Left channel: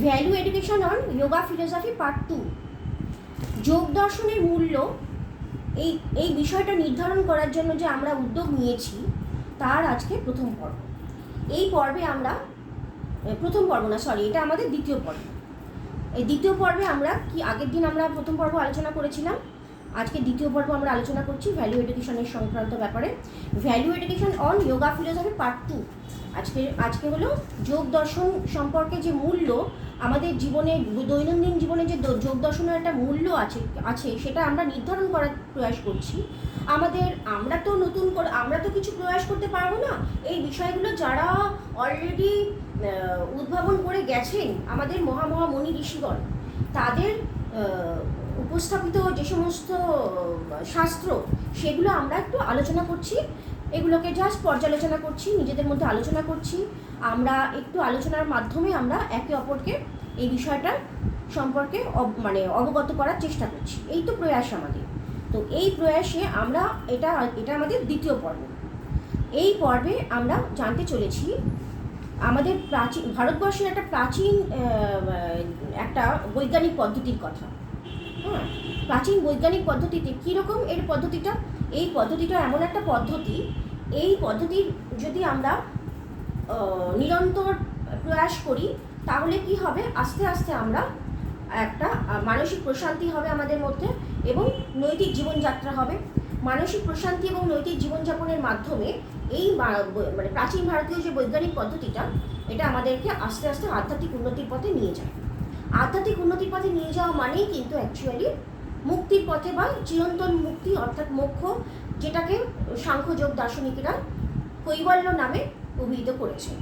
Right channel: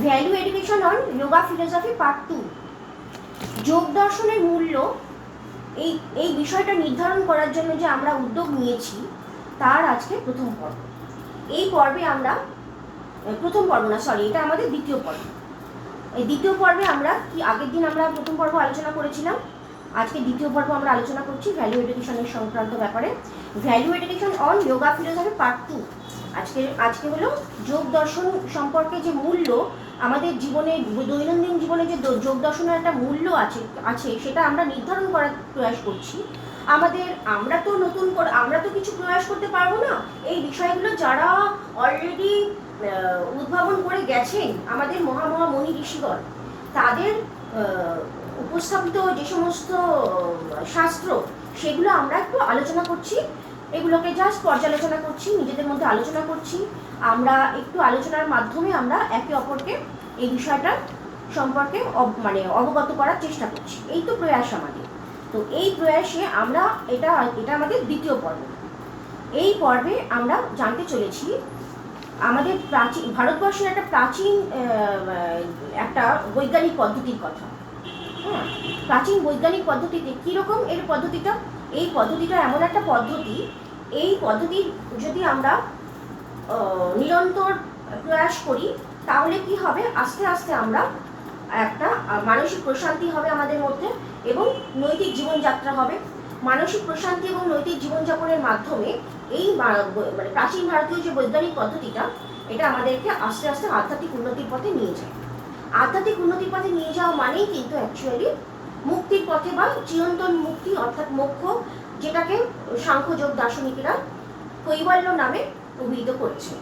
Value education on yoga philosophy part 2। যোগ দর্শনের মূল্য, এই বিষয়টা নির্ধারণ করার জন্য যে আমরা উদ্যোগ নিয়েছি তার আজকে প্রথম পর্ব। এই পর্বে আমরা এটা আমাদের দ্বিতীয় পর্ব। এই দ্বিতীয় পর্বে আমরা আগের দিন আমরা প্রথম পর্ব আলোচনা করেছিলাম, আজকে দ্বিতীয় পর্ব আমরা আলোচনা করছি ভ্যালু এডুকেশনের সংক্রান্ত ব্যাপারে। Value education on yoga philosophy part 2। আজকে হলো যোগ দর্শন সম্পর্কে যে মূল্য, আমাদের জীবনে দৈনন্দিন জীবনে যে যোগ দর্শনের একটা মূল্য আছে সেটা আমরা নির্ধারণ করার প্রয়াস করছি। আমরা তো কিছু প্রয়াস করতে পারবো না। এই বিষয়গুলো যারা অলরেডি উদ্ভাবন করে গেছেন আমাদের মনি ঋষিগণ, তাদের উপস্থাপিত যে সমস্ত শাস্ত্র, সেগুলো আমরা একটু আলোচনা করছি, এগুলোকে জাস্ট পর্যালোচনা করছি, নিজেদের মধ্যে আলোচনা করছি। আমরা একটু আলোচনার মাধ্যমে আমরা একে অপরকে এই বিষয়টা সম্পর্কে অবগত করার চেষ্টা করছি। এই তো প্রয়াস আমাদের। তো এই প্রয়াসে আমরা এটা আমাদের দ্বিতীয় পর্ব। এই পর্বে আমরা জানতে চলেছি আমাদের ভারতবর্ষের একটা প্রাচীন একটা বৈজ্ঞানিক পদ্ধতির কথা। হ্যাঁ, প্রাচীন বৈজ্ঞানিক পদ্ধতিতে কীরকম পদ্ধতিটা? এই পদ্ধতিটা এমন একটা পদ্ধতি, এই পদ্ধতির যদি আমরা নিরন্তর প্রয়াস করি তাহলে কি হবে, আস্তে আস্তে আমরা একটা মানসিক প্রশান্তি হবে আমাদের মধ্যে এবং নৈতিক জীবনযাত্রা হবে। মানসিক প্রশান্তি এবং নৈতিক জীবনযাপনের মাধ্যমে এই প্রাচীন ভারতীয় যে বৈজ্ঞানিক পদ্ধতিটা, এটা আমাদেরকে আস্তে আস্তে আধ্যাত্মিক উন্নতির পথে নিয়ে যায়। আধ্যাত্মিক উন্নতির পথে নিয়ে যাওয়া মানেই কিন্তু অ্যাকচুয়ালি মুক্তির পথে বা চিরন্তন মুক্তি অর্থাৎ মোক্ষ, যেটাকে সাংখ্যযোগ দার্শনিকেরা কৈবল্য নামে অভিহিত করেছে।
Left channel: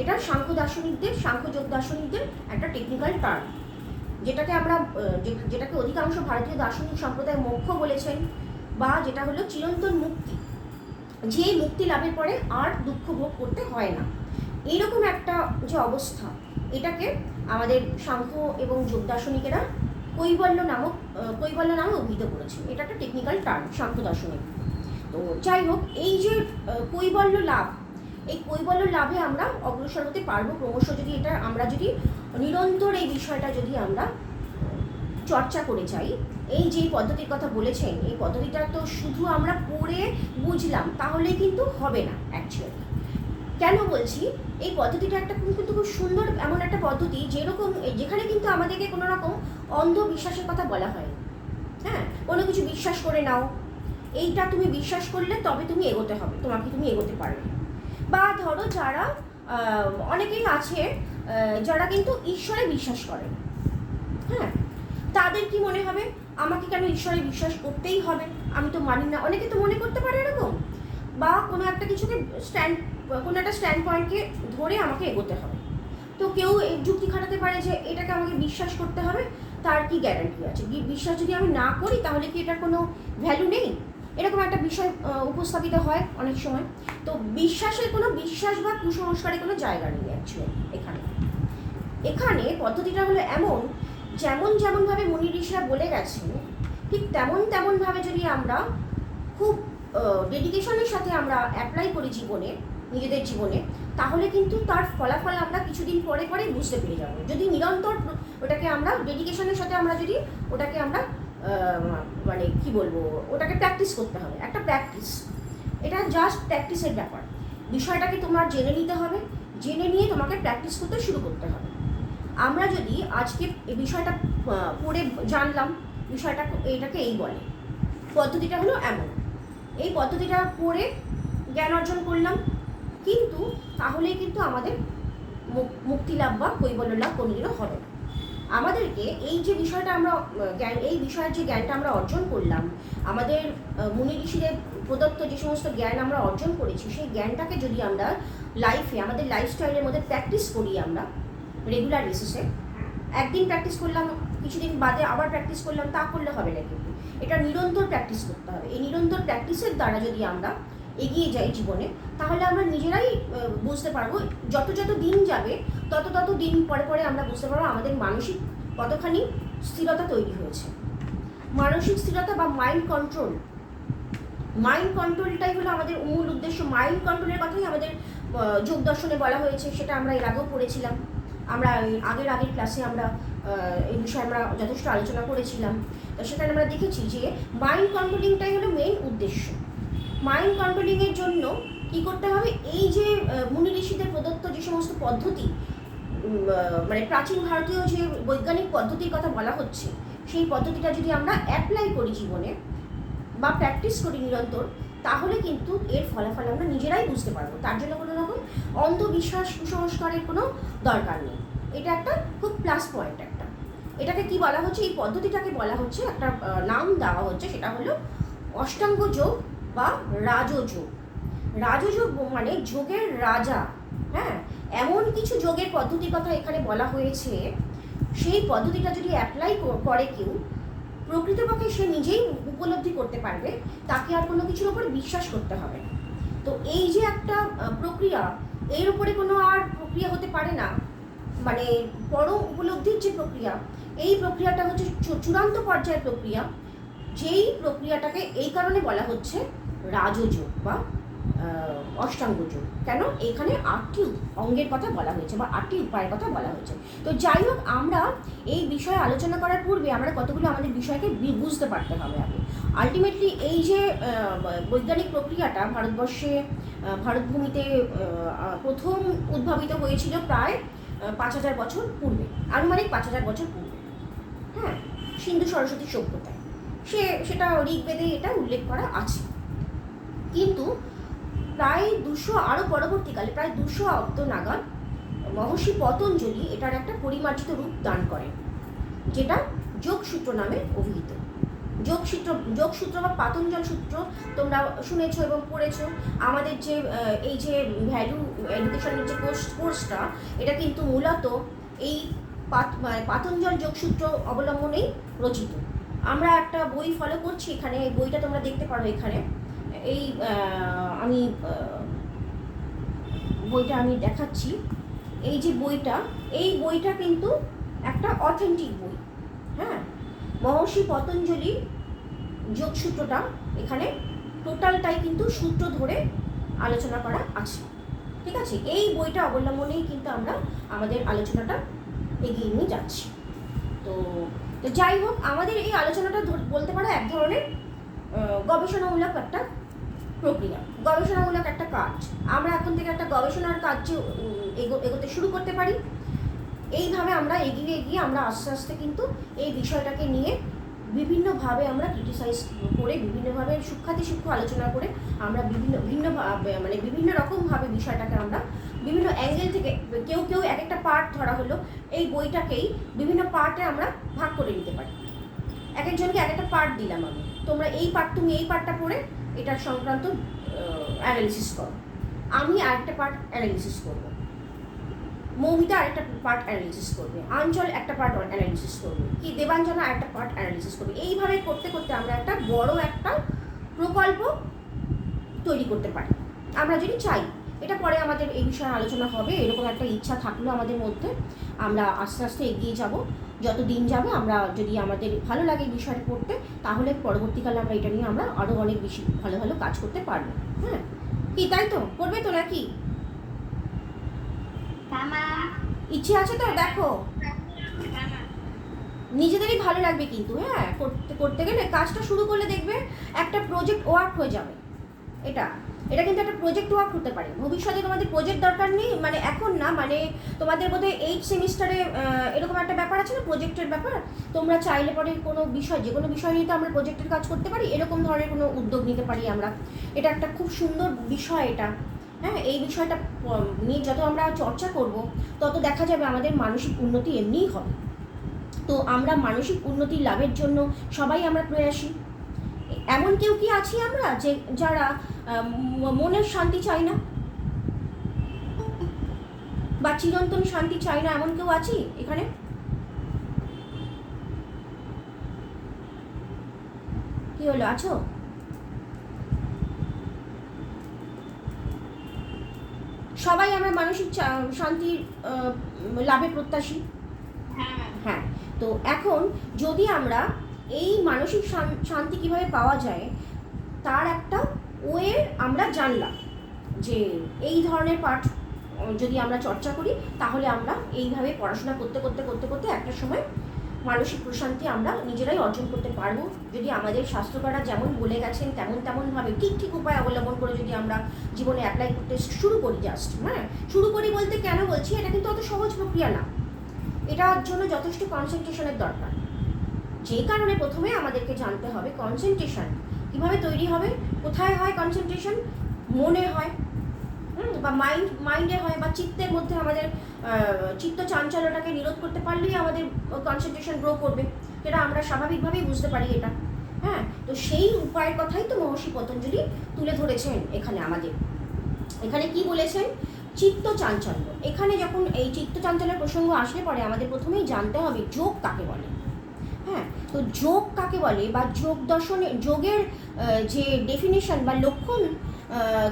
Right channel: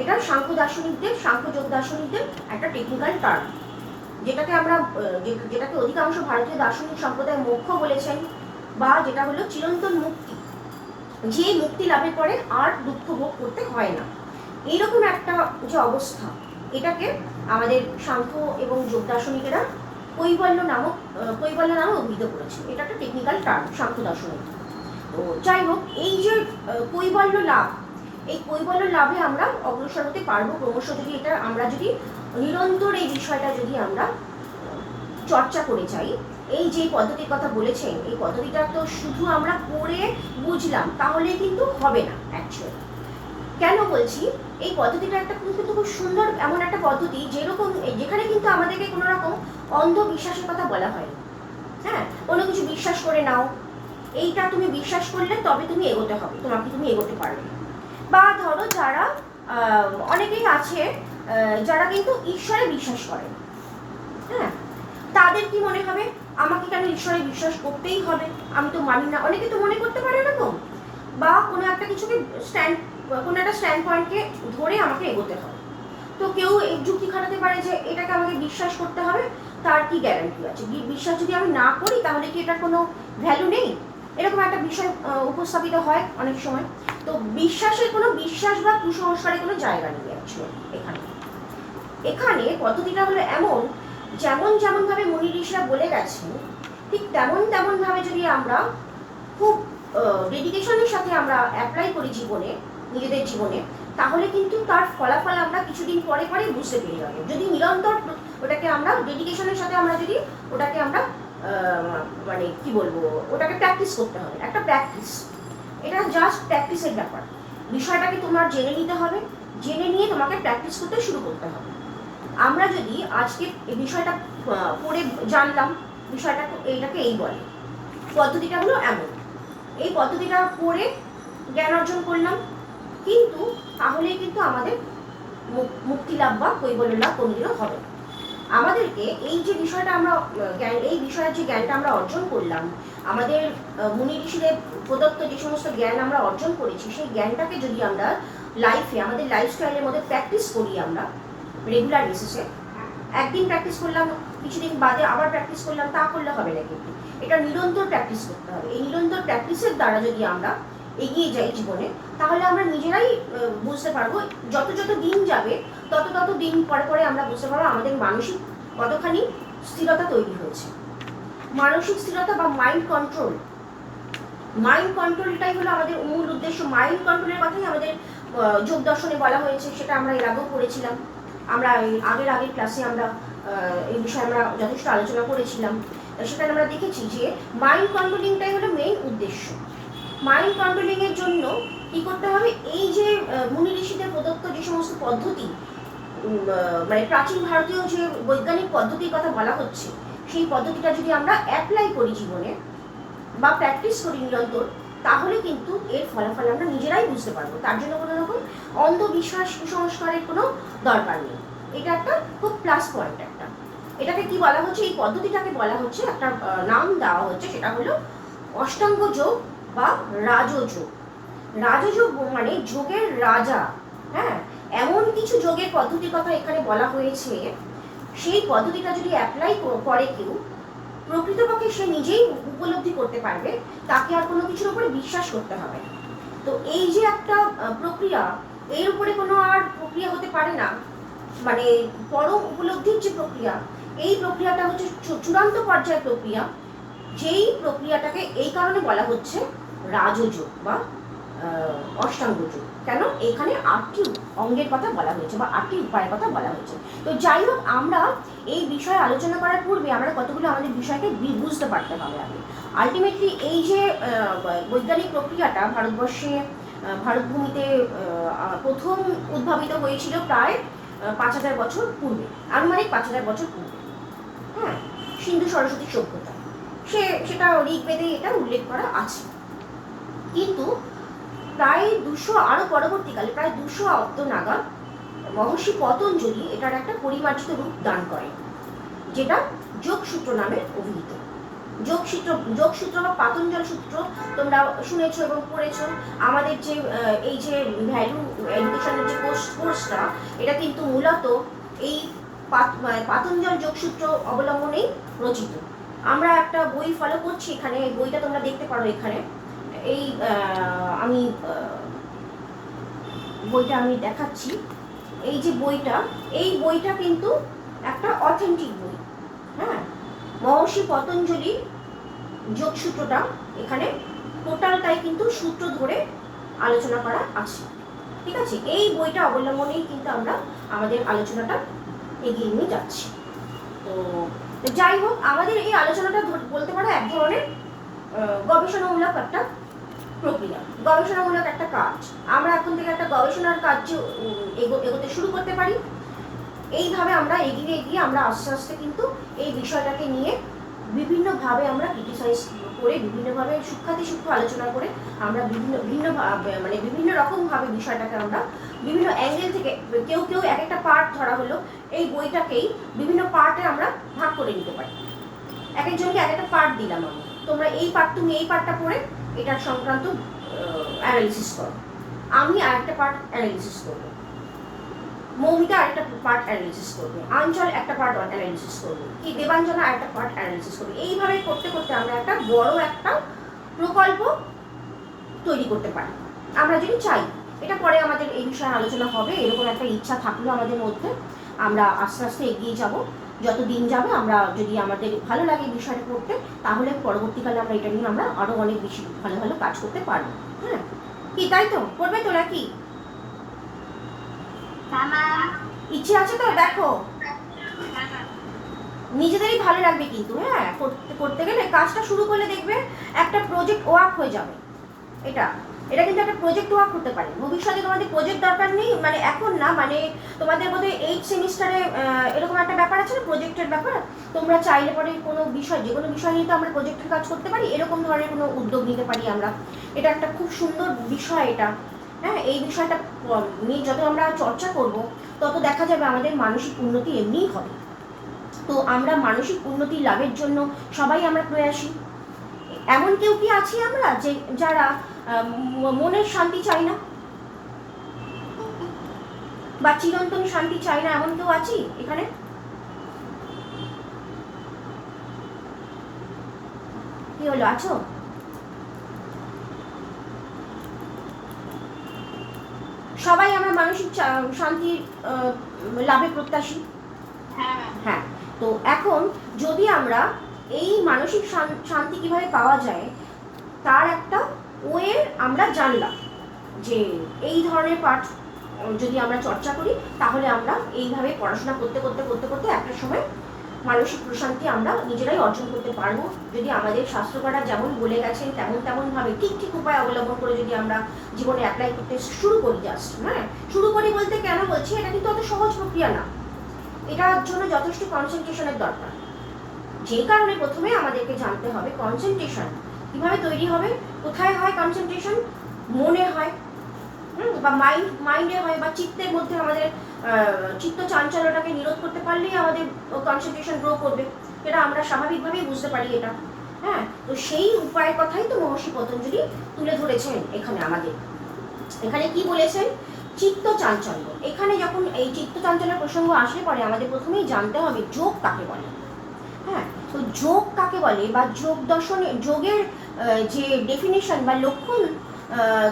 এটা সাংখ্যযোগ দার্শনিকদের একটা টেকনিক্যাল টার্ম, যেটাকে অধিকাংশ ভারতীয় দার্শনিক সম্প্রদায় মোক্ষ বলেছেন, বা যেটা হলো চিরন্তন মুক্তি, যে মুক্তি লাভের পরে আর দুঃখ ভোগ করতে হয় না। এইরকম একটা যে অবস্থা, এটাকে আমাদের সাংখ্য এবং যোগ দার্শনিকেরা কৈবল্য নামে অভিহিত করেছে। এটা একটা টেকনিক্যাল টার্ম সাংখ্য দার্শনিক। তো যাই হোক, এই যে কৈবল্য লাভ, এই কৈবল্য লাভে আমরা অগ্রসর হতে পারবো ক্রমশ যদি আমরা যদি নিরন্তর এই বিষয়টা যদি আমরা চর্চা করে যাই। এই যে পদ্ধতির কথা বলেছেন, এই পদ্ধতিটা তো শুধু আমরা পড়ে বুঝলাম তাহলে কিন্তু হবে না অ্যাকচুয়ালি। কেন বলছি? এই পদ্ধতিটা কিন্তু খুব সুন্দর এমন একটা পদ্ধতি, যেখানে কিন্তু আমাদেরকে কোনো রকম অন্ধবিশ্বাসের কথা বলা হয়। হ্যাঁ, কোনো কিছু বিশ্বাস করে নাও, এইটা তুমি বিশ্বাস করলে তবে তুমি এগোতে হবে, তুমি এগোতে পারবে। বা ধরো যারা অনেকেই আছে যারা কিন্তু ঈশ্বরে বিশ্বাস করে না, হ্যাঁ, তাদের কি মনে হবে, আমাকে কেন ঈশ্বরে বিশ্বাস করতেই হবে, আমি তো মানি না। অনেকে তো মনে করতে পারে এরকম। বা কোনো একটা স্ট্যান্ড পয়েন্টকে ধরে আমাকে এগোতে হবে। তো কেউ যুক্তি খাটাতে পারে যে এটাকে আমাকে বিশ্বাস করতে হবে, তার কি গ্যারান্টি আছে? বিশ্বাস যদি আমি না করি তাহলে কি এটার কোনো ভ্যালু নেই? এরকম একটা বিষয় উপস্থাপিত হয় অনেক সময়। তো বিশ্বাস বা কুসংস্কারের কোনো জায়গা নেই অ্যাকচুয়ালি এখানে পদ্ধতিটা হলো এমন, যেমনভাবে মুনি ঋষিরা বলে গেছেন, ঠিক তেমনভাবে যদি আমরা খুব ডেডিকেশনের সাথে আমরা অ্যাপ্লাই করি নিজেদের জীবনে, তাহলে কিন্তু তার ফলাফল আমরা কিছুদিন পরে বুঝতে পেরে যাবো। যদি নিরন্তর ওটাকে আমরা ডেডিকেশনের সাথে আমরা যদি ওটাকে আমরা ওটাকে প্র্যাকটিস করতে হবে। একটা প্র্যাকটিস, এটা জাস্ট প্র্যাকটিসের ব্যাপার। বিষয়টাকে তোমার জেনে নিতে হবে, জেনে নিয়ে তোমাকে প্র্যাকটিস করতে শুরু করতে হবে। আমরা যদি আজকে এই বিষয়টা পড়ে জানলাম, এটাকে এই বলে, পদ্ধতিটা হলো এমন, এই পদ্ধতিটা পড়ে জ্ঞান অর্জন করলাম, কিন্তু তাহলেই কিন্তু আমাদের মুক্তি লাভ বা কৈবল্য লাভ কোনোদিনও হবে না। আমাদেরকে এই যে বিষয়টা এই বিষয়ের যে জ্ঞানটা আমরা অর্জন করলাম, আমাদের মুনি ঋষিদের প্রদত্ত যে সমস্ত জ্ঞান আমরা অর্জন করেছি, সেই জ্ঞানটাকে যদি আমরা আমাদের লাইফস্টাইলের মধ্যে প্র্যাকটিস করি, আমরা রেগুলার বেসিসে একদিন প্র্যাকটিস করলাম, কিছুদিন বাদে আবার প্র্যাকটিস করলাম, তা করলে হবে না। কিন্তু এটা নিরন্তর প্র্যাকটিস করতে হবে। এই নিরন্তর প্র্যাকটিসের দ্বারা যদি আমরা এগিয়ে যাই জীবনে, তাহলে আমরা নিজেরাই বুঝতে পারবো। যত দিন যাবে তত দিন পরে আমরা বুঝতে পারবো আমাদের মানসিক কতখানি স্থিরতা তৈরি হয়েছে। মানসিক স্থিরতা বা মাইন্ড কন্ট্রোলটাই হলো আমাদের মূল উদ্দেশ্য। মাইন্ড কন্ট্রোলের কথাই আমাদের যোগ দর্শনে বলা হয়েছে, সেটা আমরা এর আগেও পড়েছিলাম। আমরা আগের ক্লাসে আমরা এই বিষয়ে আমরা যথেষ্ট আলোচনা করেছিলাম। সেখানে আমরা দেখেছি যে মাইন্ড কন্ট্রোলিংটাই হলো মেইন উদ্দেশ্য। মাইন্ড কন্ট্রোলিংয়ের জন্য কী করতে হবে, এই যে মুনি ঋষিদের প্রদত্ত যে সমস্ত পদ্ধতি, মানে প্রাচীন ভারতীয় যে বৈজ্ঞানিক পদ্ধতির কথা বলা হচ্ছে, সেই পদ্ধতিটা যদি আমরা অ্যাপ্লাই করি জীবনে বা প্র্যাকটিস করি নিরন্তর, তাহলে কিন্তু এর ফলাফল আমরা নিজেরাই বুঝতে পারবো। তার জন্য কোনো রকম অন্ধবিশ্বাস কুসংস্কারের কোনো দরকার নেই। এটা একটা খুব প্লাস পয়েন্ট একটা। এটাকে কি বলা হচ্ছে, এই পদ্ধতিটাকে বলা হচ্ছে, একটা নাম দেওয়া হচ্ছে, সেটা হলো অষ্টাঙ্গ যোগ বা রাজযোগ। রাজযোগ মানে যোগের রাজা। হ্যাঁ, এমন কিছু যোগের পদ্ধতির কথা এখানে বলা হয়েছে, সেই পদ্ধতিটা যদি অ্যাপ্লাই করে কেউ, প্রকৃতপক্ষে সে নিজেই উপলব্ধি করতে পারবে, তাকে আর কোনো কিছুর উপরে বিশ্বাস করতে হবে না। তো এই যে একটা প্রক্রিয়া, এর উপরে কোনো আর প্রক্রিয়া হতে পারে না, মানে পরম উপলব্ধির যে প্রক্রিয়া, এই প্রক্রিয়াটা হচ্ছে চূড়ান্ত পর্যায়ের প্রক্রিয়া। যেই প্রক্রিয়াটাকে এই কারণে বলা হচ্ছে রাজযোগ বা অষ্টাঙ্গ যোগ। কেন, এখানে 8টি অঙ্গের কথা বলা হয়েছে বা 8টি উপায়ের কথা বলা হয়েছে। তো যাই হোক, আমরা এই বিষয়ে আলোচনা করার পূর্বে আমরা কতগুলো আমাদের বিষয়কে বুঝতে পারতে হবে আগে। আলটিমেটলি এই যে বৈজ্ঞানিক প্রক্রিয়াটা ভারতবর্ষে, ভারতভূমিতে প্রথম উদ্ভাবিত হয়েছিল প্রায় 5000 বছর পূর্বে, আনুমানিক 5000 বছর পূর্বে। হ্যাঁ, সিন্ধু সরস্বতী সভ্যতা, সেটা ঋগ্বেদে এটা উল্লেখ করা আছে। কিন্তু প্রায় 200 আরও পরবর্তীকালে প্রায় 200 অব্দ নাগাদ মহর্ষি পতঞ্জলি এটার একটা পরিমার্জিত রূপ দান করেন, যেটা যোগসূত্র নামে অভিহিত। যোগসূত্র বা পাতঞ্জল সূত্র তোমরা শুনেছো এবং পড়েছো। আমাদের যে এই যে ভ্যালু এডুকেশনের যে কোর্সটা, এটা কিন্তু মূলত এই পাতঞ্জল যোগসূত্র অবলম্বনেই রচিত। আমরা একটা বই ফলো করছি এখানে, এই বইটা তোমরা দেখতে পারো এখানে। এই বইটা আমি দেখাচ্ছি। এই যে বইটা, এই বইটা কিন্তু একটা অথেন্টিক বই। হ্যাঁ, মহর্ষি পতঞ্জলির যোগসূত্রটা এখানে টোটালটাই কিন্তু সূত্র ধরে আলোচনা করা আছে। ঠিক আছে, এই বইটা অবলম্বনেই কিন্তু আমরা আমাদের আলোচনাটা এগিয়ে নিয়ে যাচ্ছি। তো যাই হোক, আমাদের এই আলোচনাটা বলতে পারো এক ধরনের গবেষণামূলক একটা প্রক্রিয়া, গবেষণামূলক একটা কাজ। আমরা এখন থেকে একটা গবেষণার কাজ এগোতে শুরু করতে পারি। এইভাবে আমরা এগিয়ে আমরা আস্তে আস্তে কিন্তু এই বিষয়টাকে নিয়ে বিভিন্নভাবে আমরা ক্রিটিসাইজ করে, বিভিন্নভাবে সূক্ষ্ম আলোচনা করে আমরা বিভিন্ন রকমভাবে বিষয়টাকে আমরা বিভিন্ন অ্যাঙ্গেল থেকে, কেউ এক একটা পার্ট ধরা হলো, এই বইটাকেই বিভিন্ন পার্টে আমরা ভাগ করে নিতে পারি। এক একজনকে এক একটা পার্ট দিলাম আমি, তোমরা তুমি এই পার্টটা পড়ে এটার সংক্রান্ত অ্যানালিসিস করো, আমি আরেকটা পার্ট অ্যানালিসিস করবো, মৌমিতা আরেকটা পার্ট অ্যানালিসিস করবে, আঞ্চল একটা পার্ট অ্যানালিসিস করবে, কি দেবাঞ্জনা আরেকটা পার্ট অ্যানালিসিস করবে। এইভাবে করতে করতে আমরা একটা বড় একটা প্রকল্প তৈরি করতে পারি, আমরা যদি চাই। এটা পরে আমাদের এই বিষয়ে আলোচনা হবে, এরকম একটা ইচ্ছা থাকলেও আমাদের মধ্যে আমরা আস্তে আস্তে এগিয়ে যাব। যত দিন যাবে, আমরা যদি আমাদের ভালো লাগে বিষয়টা করতে, তাহলে পরবর্তীকালে আমরা এটা নিয়ে আমরা আরও অনেক বেশি ভালো ভালো কাজ করতে পারবো। হ্যাঁ, কি তাই তো করবে তো নাকি? ইচ্ছে আছে তো? দেখো, নিজেদেরই ভালো লাগবে কিন্তু। হ্যাঁ, করতে গেলে কাজটা শুরু করলে দেখবে একটা প্রজেক্ট ওয়ার্ক হয়ে যাবে। এটা কিন্তু একটা প্রজেক্ট ওয়ার্ক হতে পারে। ভবিষ্যতে তোমাদের প্রজেক্ট দরকার নেই, মানে এখন না, মানে তোমাদের বোধহয় 8 সেমিস্টারে এরকম একটা ব্যাপার আছে না, প্রজেক্টের ব্যাপার। তোমরা চাইলে পরে কোনো বিষয়, যে কোনো বিষয় নিয়ে তো আমরা প্রজেক্টের কাজ করতে পারি, এরকম ধরনের কোনো উদ্যোগ নিতে পারি আমরা। এটা একটা খুব সুন্দর বিষয় এটা। হ্যাঁ, এই বিষয়টা নিয়ে যত আমরা চর্চা করব, তত দেখা যাবে আমাদের মানসিক উন্নতি এমনিই হবে। তো আমরা মানসিক উন্নতি লাভের জন্য সবাই আমরা প্রয়াসী। এমন কেউ কি আছি আমরা যারা মনের শান্তি চাই না বা চিরন্তন শান্তি চাই না? এমন কেউ আছি এখানে? কি হলো, আছো? সবাই আমরা মানসিক শান্তির লাভে প্রত্যাশী। হ্যাঁ, তো এখন যদি আমরা এই মানসিক শান্তি কিভাবে পাওয়া যায় তার একটা ওয়ে আমরা জানলাম, যে এই ধরনের পাঠ যদি আমরা চর্চা করি, তাহলে আমরা এইভাবে পড়াশোনা করতে করতে করতে করতে একটা সময় মানসিক প্রশান্তি আমরা নিজেরাই অর্জন করতে পারবো। যদি আমাদের শাস্ত্রকাররা যেমন বলে গেছেন তেমনভাবে ঠিক ঠিক উপায় অবলম্বন করে যদি আমরা জীবনে অ্যাপ্লাই করতে শুরু করি, জাস্ট হ্যাঁ শুরু করি বলতে কেন বলছি, এটা কিন্তু অত সহজ প্রক্রিয়া না, এটার জন্য যথেষ্ট কনসেন্ট্রেশনের দরকার। যে কারণে প্রথমে আমাদেরকে জানতে হবে কনসেন্ট্রেশন কীভাবে তৈরি হবে। কোথায় হয় কনসেন্ট্রেশন? মনে হয়, বা মাইন্ডে হয়, বা চিত্তের মধ্যে আমাদের চিত্ত চাঞ্চল্যটাকে নিরোধ করতে পারলেই আমাদের কনসেন্ট্রেশন গ্রো করবে, এটা আমরা স্বাভাবিকভাবেই বুঝতে পারি এটা। হ্যাঁ, তো সেই উপায়ের কথাই তো মহর্ষি পতঞ্জলি তুলে ধরেছেন এখানে আমাদের। এখানে কি বলেছেন? চিত্ত চাঞ্চল্য। এখানে যখন এই চিত্ত চাঞ্চল্যের প্রসঙ্গ আসলে পরে আমাদের প্রথমেই জানতে হবে যোগ কাকে বলে। হ্যাঁ, তো যোগ কাকে বলে বা যোগ দর্শনে যোগের যে ডেফিনেশন বা লক্ষণ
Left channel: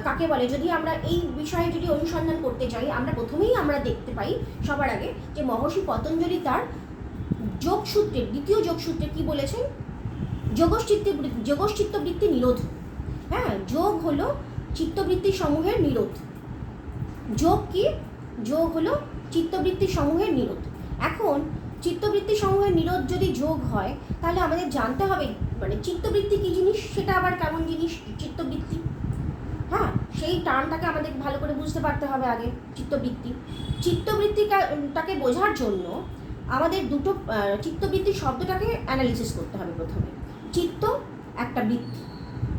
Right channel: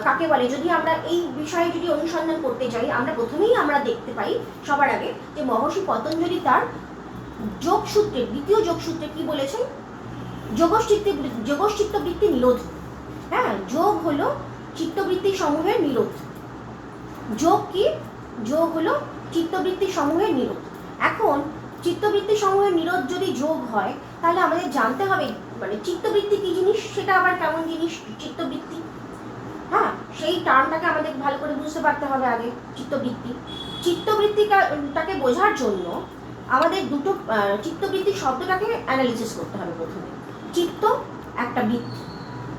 কাকে বলে, যদি আমরা এই বিষয়ে যদি অনুসন্ধান করতে চাই, আমরা প্রথমেই আমরা দেখতে পাই সবার আগে যে মহর্ষি পতঞ্জলি তার যোগসূত্রে, দ্বিতীয় যোগসূত্রে কি বলেছেন? যোগশ্চিত্তবৃত্তি নিরোধ। হ্যাঁ, যোগ হলো চিত্তবৃত্তি সমূহের নিরোধ। যোগ কি? যোগ হলো চিত্তবৃত্তি সমূহের নিরোধ। এখন চিত্তবৃত্তি সমূহের নিরোধ যদি যোগ হয়, তাহলে আমাদের জানতে হবে মানে চিত্তবৃত্তি কি জিনিস, সেটা আবার কেমন জিনিস চিত্তবৃত্তি। হ্যাঁ, সেই টার্মটাকে আমাদের ভালো করে বুঝতে পারতে হবে আগে। চিত্তবৃত্তিটাকে বোঝার জন্য আমাদের দুটো চিত্তবৃত্তি শব্দটাকে অ্যানালিসিস করতে হবে প্রথমে। চিত্ত একটা বৃত্তি,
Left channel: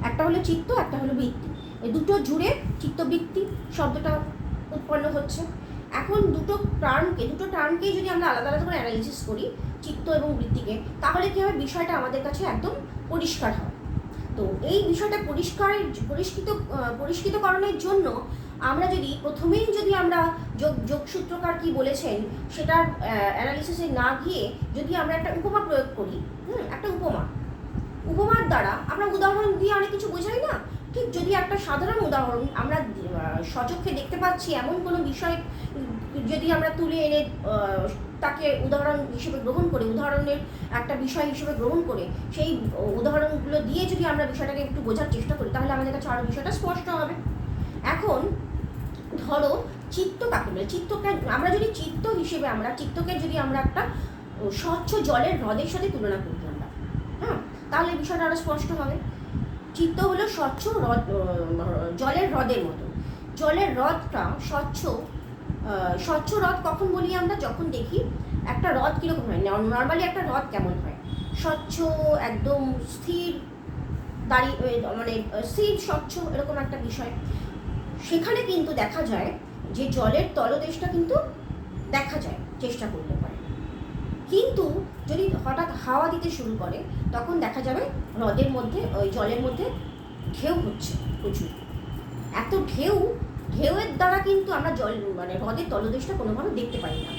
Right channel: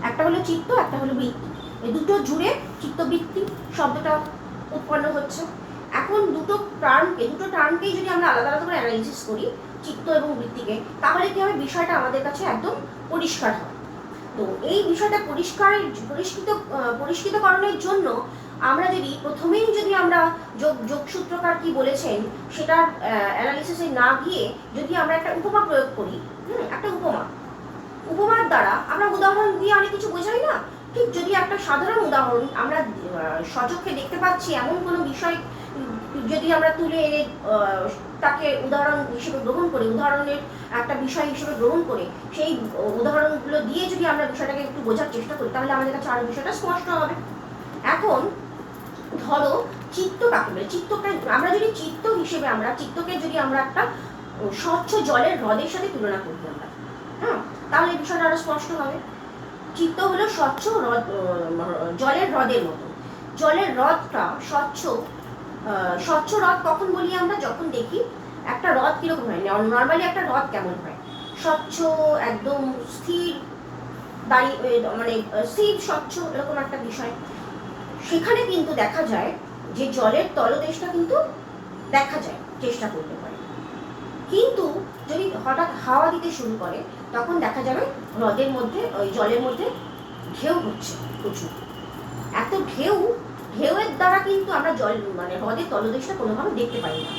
একটা হলো চিত্ত, একটা হলো বৃত্তি, এই দুটো জুড়ে চিত্তবৃত্তি শব্দটা উৎপন্ন হচ্ছে। এখন দুটো টার্মকেই যদি আমরা আলাদা আলাদা করে অ্যানালিসিস করি, চিত্ত এবং বৃত্তিকে, তাহলে কি হবে, বিষয়টা আমাদের কাছে একদম পরিষ্কার হয়। তো এই বিষয়টা পরিষ্কৃতকরণের জন্য আমরা যদি প্রথমেই যদি আমরা যোগসূত্রকার কি বলেছেন সেটার অ্যানালিসিসে না গিয়ে যদি আমরা একটা উপমা প্রয়োগ করি, একটা উপমার দ্বারা আমরা উদাহরণ দিয়ে অনেক কিছু বোঝাই না, ঠিক যদি একটা সাধারণ উদাহরণ আমরা সচক্ষে দেখতে পাচ্ছি এমন কোনো বিষয় যদি আমরা তুলে এনে তাকে উদাহরণ হিসেবে গ্রহণ করে, উদাহরণের একটা বিষয় হিসেবে গ্রহণ করে সেই উদাহরণগুলো দিয়ে যদি আমরা বিষয়টাকে একটু বোঝার চেষ্টা করি, তাহলে আমাদের কাছে আরও বিষয়টা স্পষ্ট হবে। এখন ধরো চিত্ত কাকে বলে, চিত্তকে আমরা যদি চিত্ত হিসেবে চিত্তকে যদি আমরা একটা স্বচ্ছ জলের হ্রদের সাথে তুলনা করি আমরা, হ্যাঁ, তাহলে বিষয়টা আরও স্পষ্ট হবে। চিত্ত হলো স্বচ্ছ জলের হ্রদের মতো। জলের হ্রদটা স্বচ্ছ হ্রদ কখন বলি আমরা? যখন দেখি একটা হ্রদ কিরকম হয়, নর্মালি একটা হ্রদ কেমন হয়, স্বচ্ছ একদম স্থির, মানে স্থির স্বচ্ছ এরকম একটা বিষয়। সেখানে কিন্তু দেখা যায় যে জলের তলদেশটা কিন্তু দেখা যায় চেষ্টা করতে পারে, কিন্তু যদি হঠাৎ হাওয়া দিতে শুরু করে তখন দেখা যাবে হ্রদের মধ্যে, ওই জলের মধ্যে ঢেউ হচ্ছে প্রচুর। এত ঢেউয়ের দ্বারা কিন্তু আমরা মানে হ্রদের তলদেশটা কোনোভাবে দেখতে পাই না।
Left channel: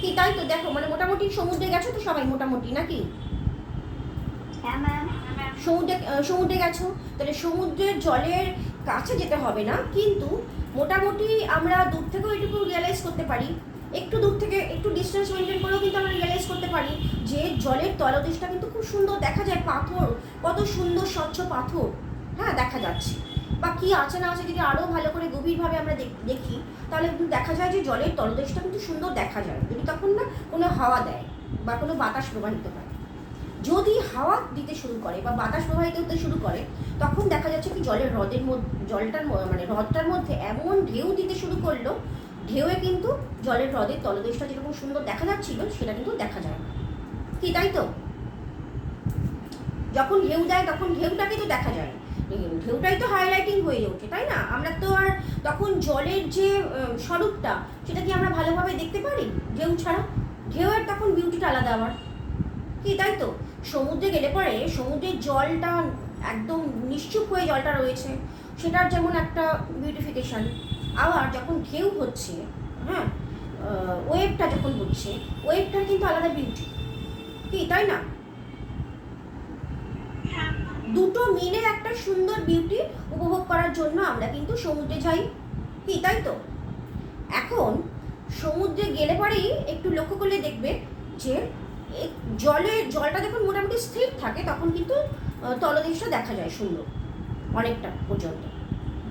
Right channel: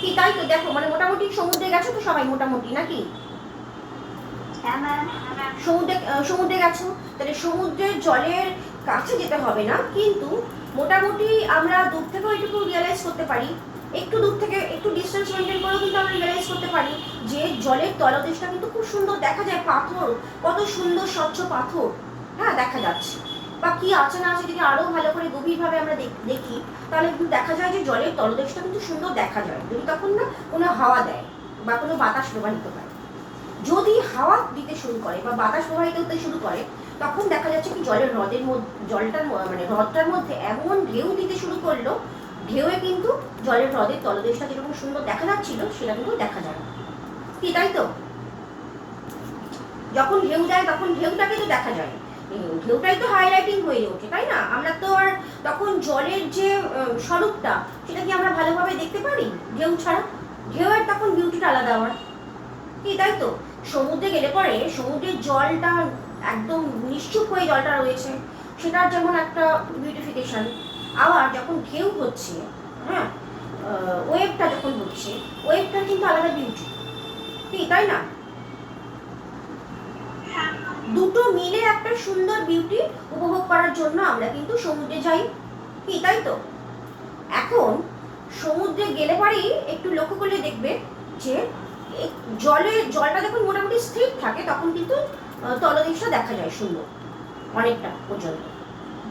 কি তাই তো? দেখো, মানে মোটামুটি সমুদ্রে গেছো তো সবাই, মোটামুটি নাকি? সমুদ্রে গেছো, তাহলে সমুদ্রের জলের কাছে যেতে হবে না, কিন্তু মোটামুটি আমরা দূর থেকেও একটু রিয়েলাইজ করতে পারি, একটু দূর থেকে একটু ডিস্টেন্স মেনটেন করেও কিন্তু আমরা রিয়েলাইজ করতে পারি যে জলের তলদেশটা কিন্তু খুব সুন্দর দেখা যায়, পাথর, কত সুন্দর স্বচ্ছ পাথর, হ্যাঁ, দেখা যাচ্ছে। বা কি আছে না আছে যদি আরও ভালো করে গভীরভাবে আমরা দেখি, তাহলে কিন্তু দেখা যায় যে জলের তলদেশটা কিন্তু সুন্দর দেখা যায়, যদি তখন না কোনো হাওয়া দেয় বা কোনো বাতাস প্রবাহিত হয়। যদি হাওয়া দিতে শুরু করে বা বাতাস প্রবাহিত হতে শুরু করে, তখন দেখা যাচ্ছে কি জলের হ্রদটার মধ্যে এমন ঢেউ দিতে শুরু করলো, ঢেউয়ে কিন্তু জলের হ্রদের তলদেশটা যেরকম সুন্দর দেখা যাচ্ছিল সেটা কিন্তু দেখা যায় না। কি তাই তো? যখন ঢেউ দেয় তখন ঢেউটাকে তো দেখা যায়, ঢেউটাই তো হাইলাইটিং হয়ে ওঠে, তাই না? আমরা তো আর তখন জলের যে স্বরূপটা সেটা কি আমরা ভালোভাবে দেখতে পারি ঢেউ ছাড়া? ঢেউয়ের তখন বিউটিটা আলাদা আমার। কি তাই তো? সমুদ্রে গেলে পরে সমুদ্রের জলটা একদম নিশ্চুপ হয়ে জলটা রয়েছে, সেটার যেমন একটা বিউটিফিকেশন। আবার যখন ঢেউ হচ্ছে, হ্যাঁ, ওয়েভটা যখন হচ্ছে, ওয়েভটার কিন্তু আলাদা বিউটি। কি তাই না? দুটো মিলে একটা সুন্দর বিউটি উপভোগ করার জন্য আমরা কিন্তু সমুদ্রে যাই। কি তাই তো? এখন সমুদ্রে গেলে পরেই একটু লক্ষ্য করলে দেখবে যে জলটা যখন মোটামুটি স্থির থাকে তখন কিন্তু তলদেশটা দেখা যায় সুন্দর অনেকটা পর্যন্ত।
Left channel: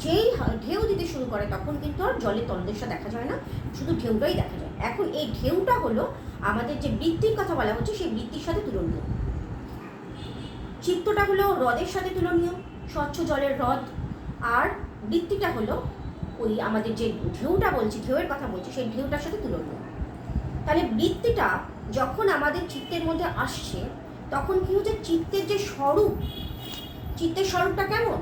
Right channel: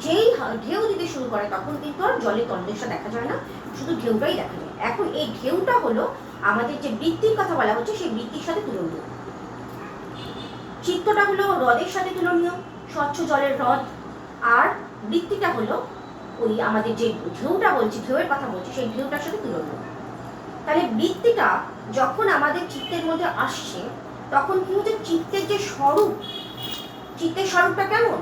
যেই ঢেউ দিতে শুরু করে তখন কিন্তু আর জলের তলদেশটা দেখা যায় না, শুধু ঢেউটাই দেখা যায়। এখন এই ঢেউটা হলো আমাদের যে বৃত্তির কথা বলা হচ্ছে সেই বৃত্তির সাথে তুলনীয়। চিত্তটা হলো হ্রদের সাথে তুলনীয়, স্বচ্ছ জলের হ্রদ, আর বৃত্তিটা হলো ওই আমাদের যে ঢেউটা বলছি, ঢেউয়ের কথা বলছি, সেই ঢেউটার সাথে তুলনীয়। তাহলে বৃত্তিটা যখন আমাদের চিত্তের মধ্যে আসছে তখন কি হচ্ছে, চিত্তের যে স্বরূপ, চিত্তের স্বরূপটা কেমন,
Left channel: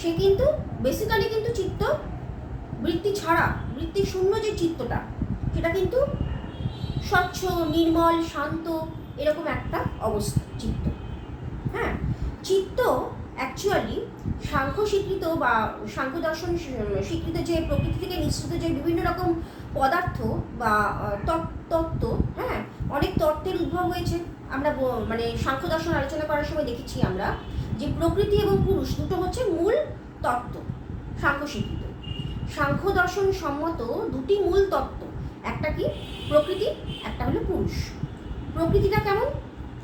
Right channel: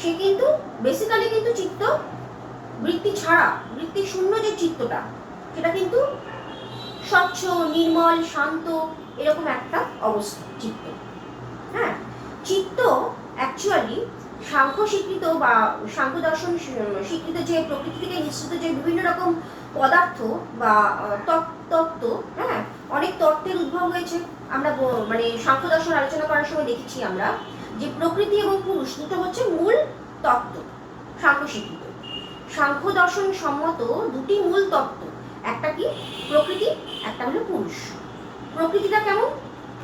সে কিন্তু বেসিক্যালি কিন্তু চিত্ত বৃত্তি ছাড়া, বৃত্তি শূন্য যে চিত্তটা, সেটা কিন্তু স্বচ্ছ, নির্মল, শান্ত, এরকম একটা অবস্থা চিত্ত। হ্যাঁ, চিত্ত অ্যাকচুয়ালি সাংখ্য স্বীকৃত বা সাংখ্য দর্শন স্বীকৃত যে প্রকৃতি থেকে নিঃসৃত যে বিভিন্ন রকম পদার্থ বা তত্ত্ব, হ্যাঁ, অনেক তত্ত্বের উদ্ভব হয়েছে। আমরা মানে সাংখ্য দর্শন আলোচনা করার সময় দেখেছি আমরা যে প্রকৃতি এবং পুরুষ দুটো হচ্ছে মূল তত্ত্ব সাংখ্য স্বীকৃত। সাংখ্য দর্শন সম্মত দুটি মূল তত্ত্ব, একটা কি প্রকৃতি, একটা হলো পুরুষ। প্রকৃতিটা কেমন,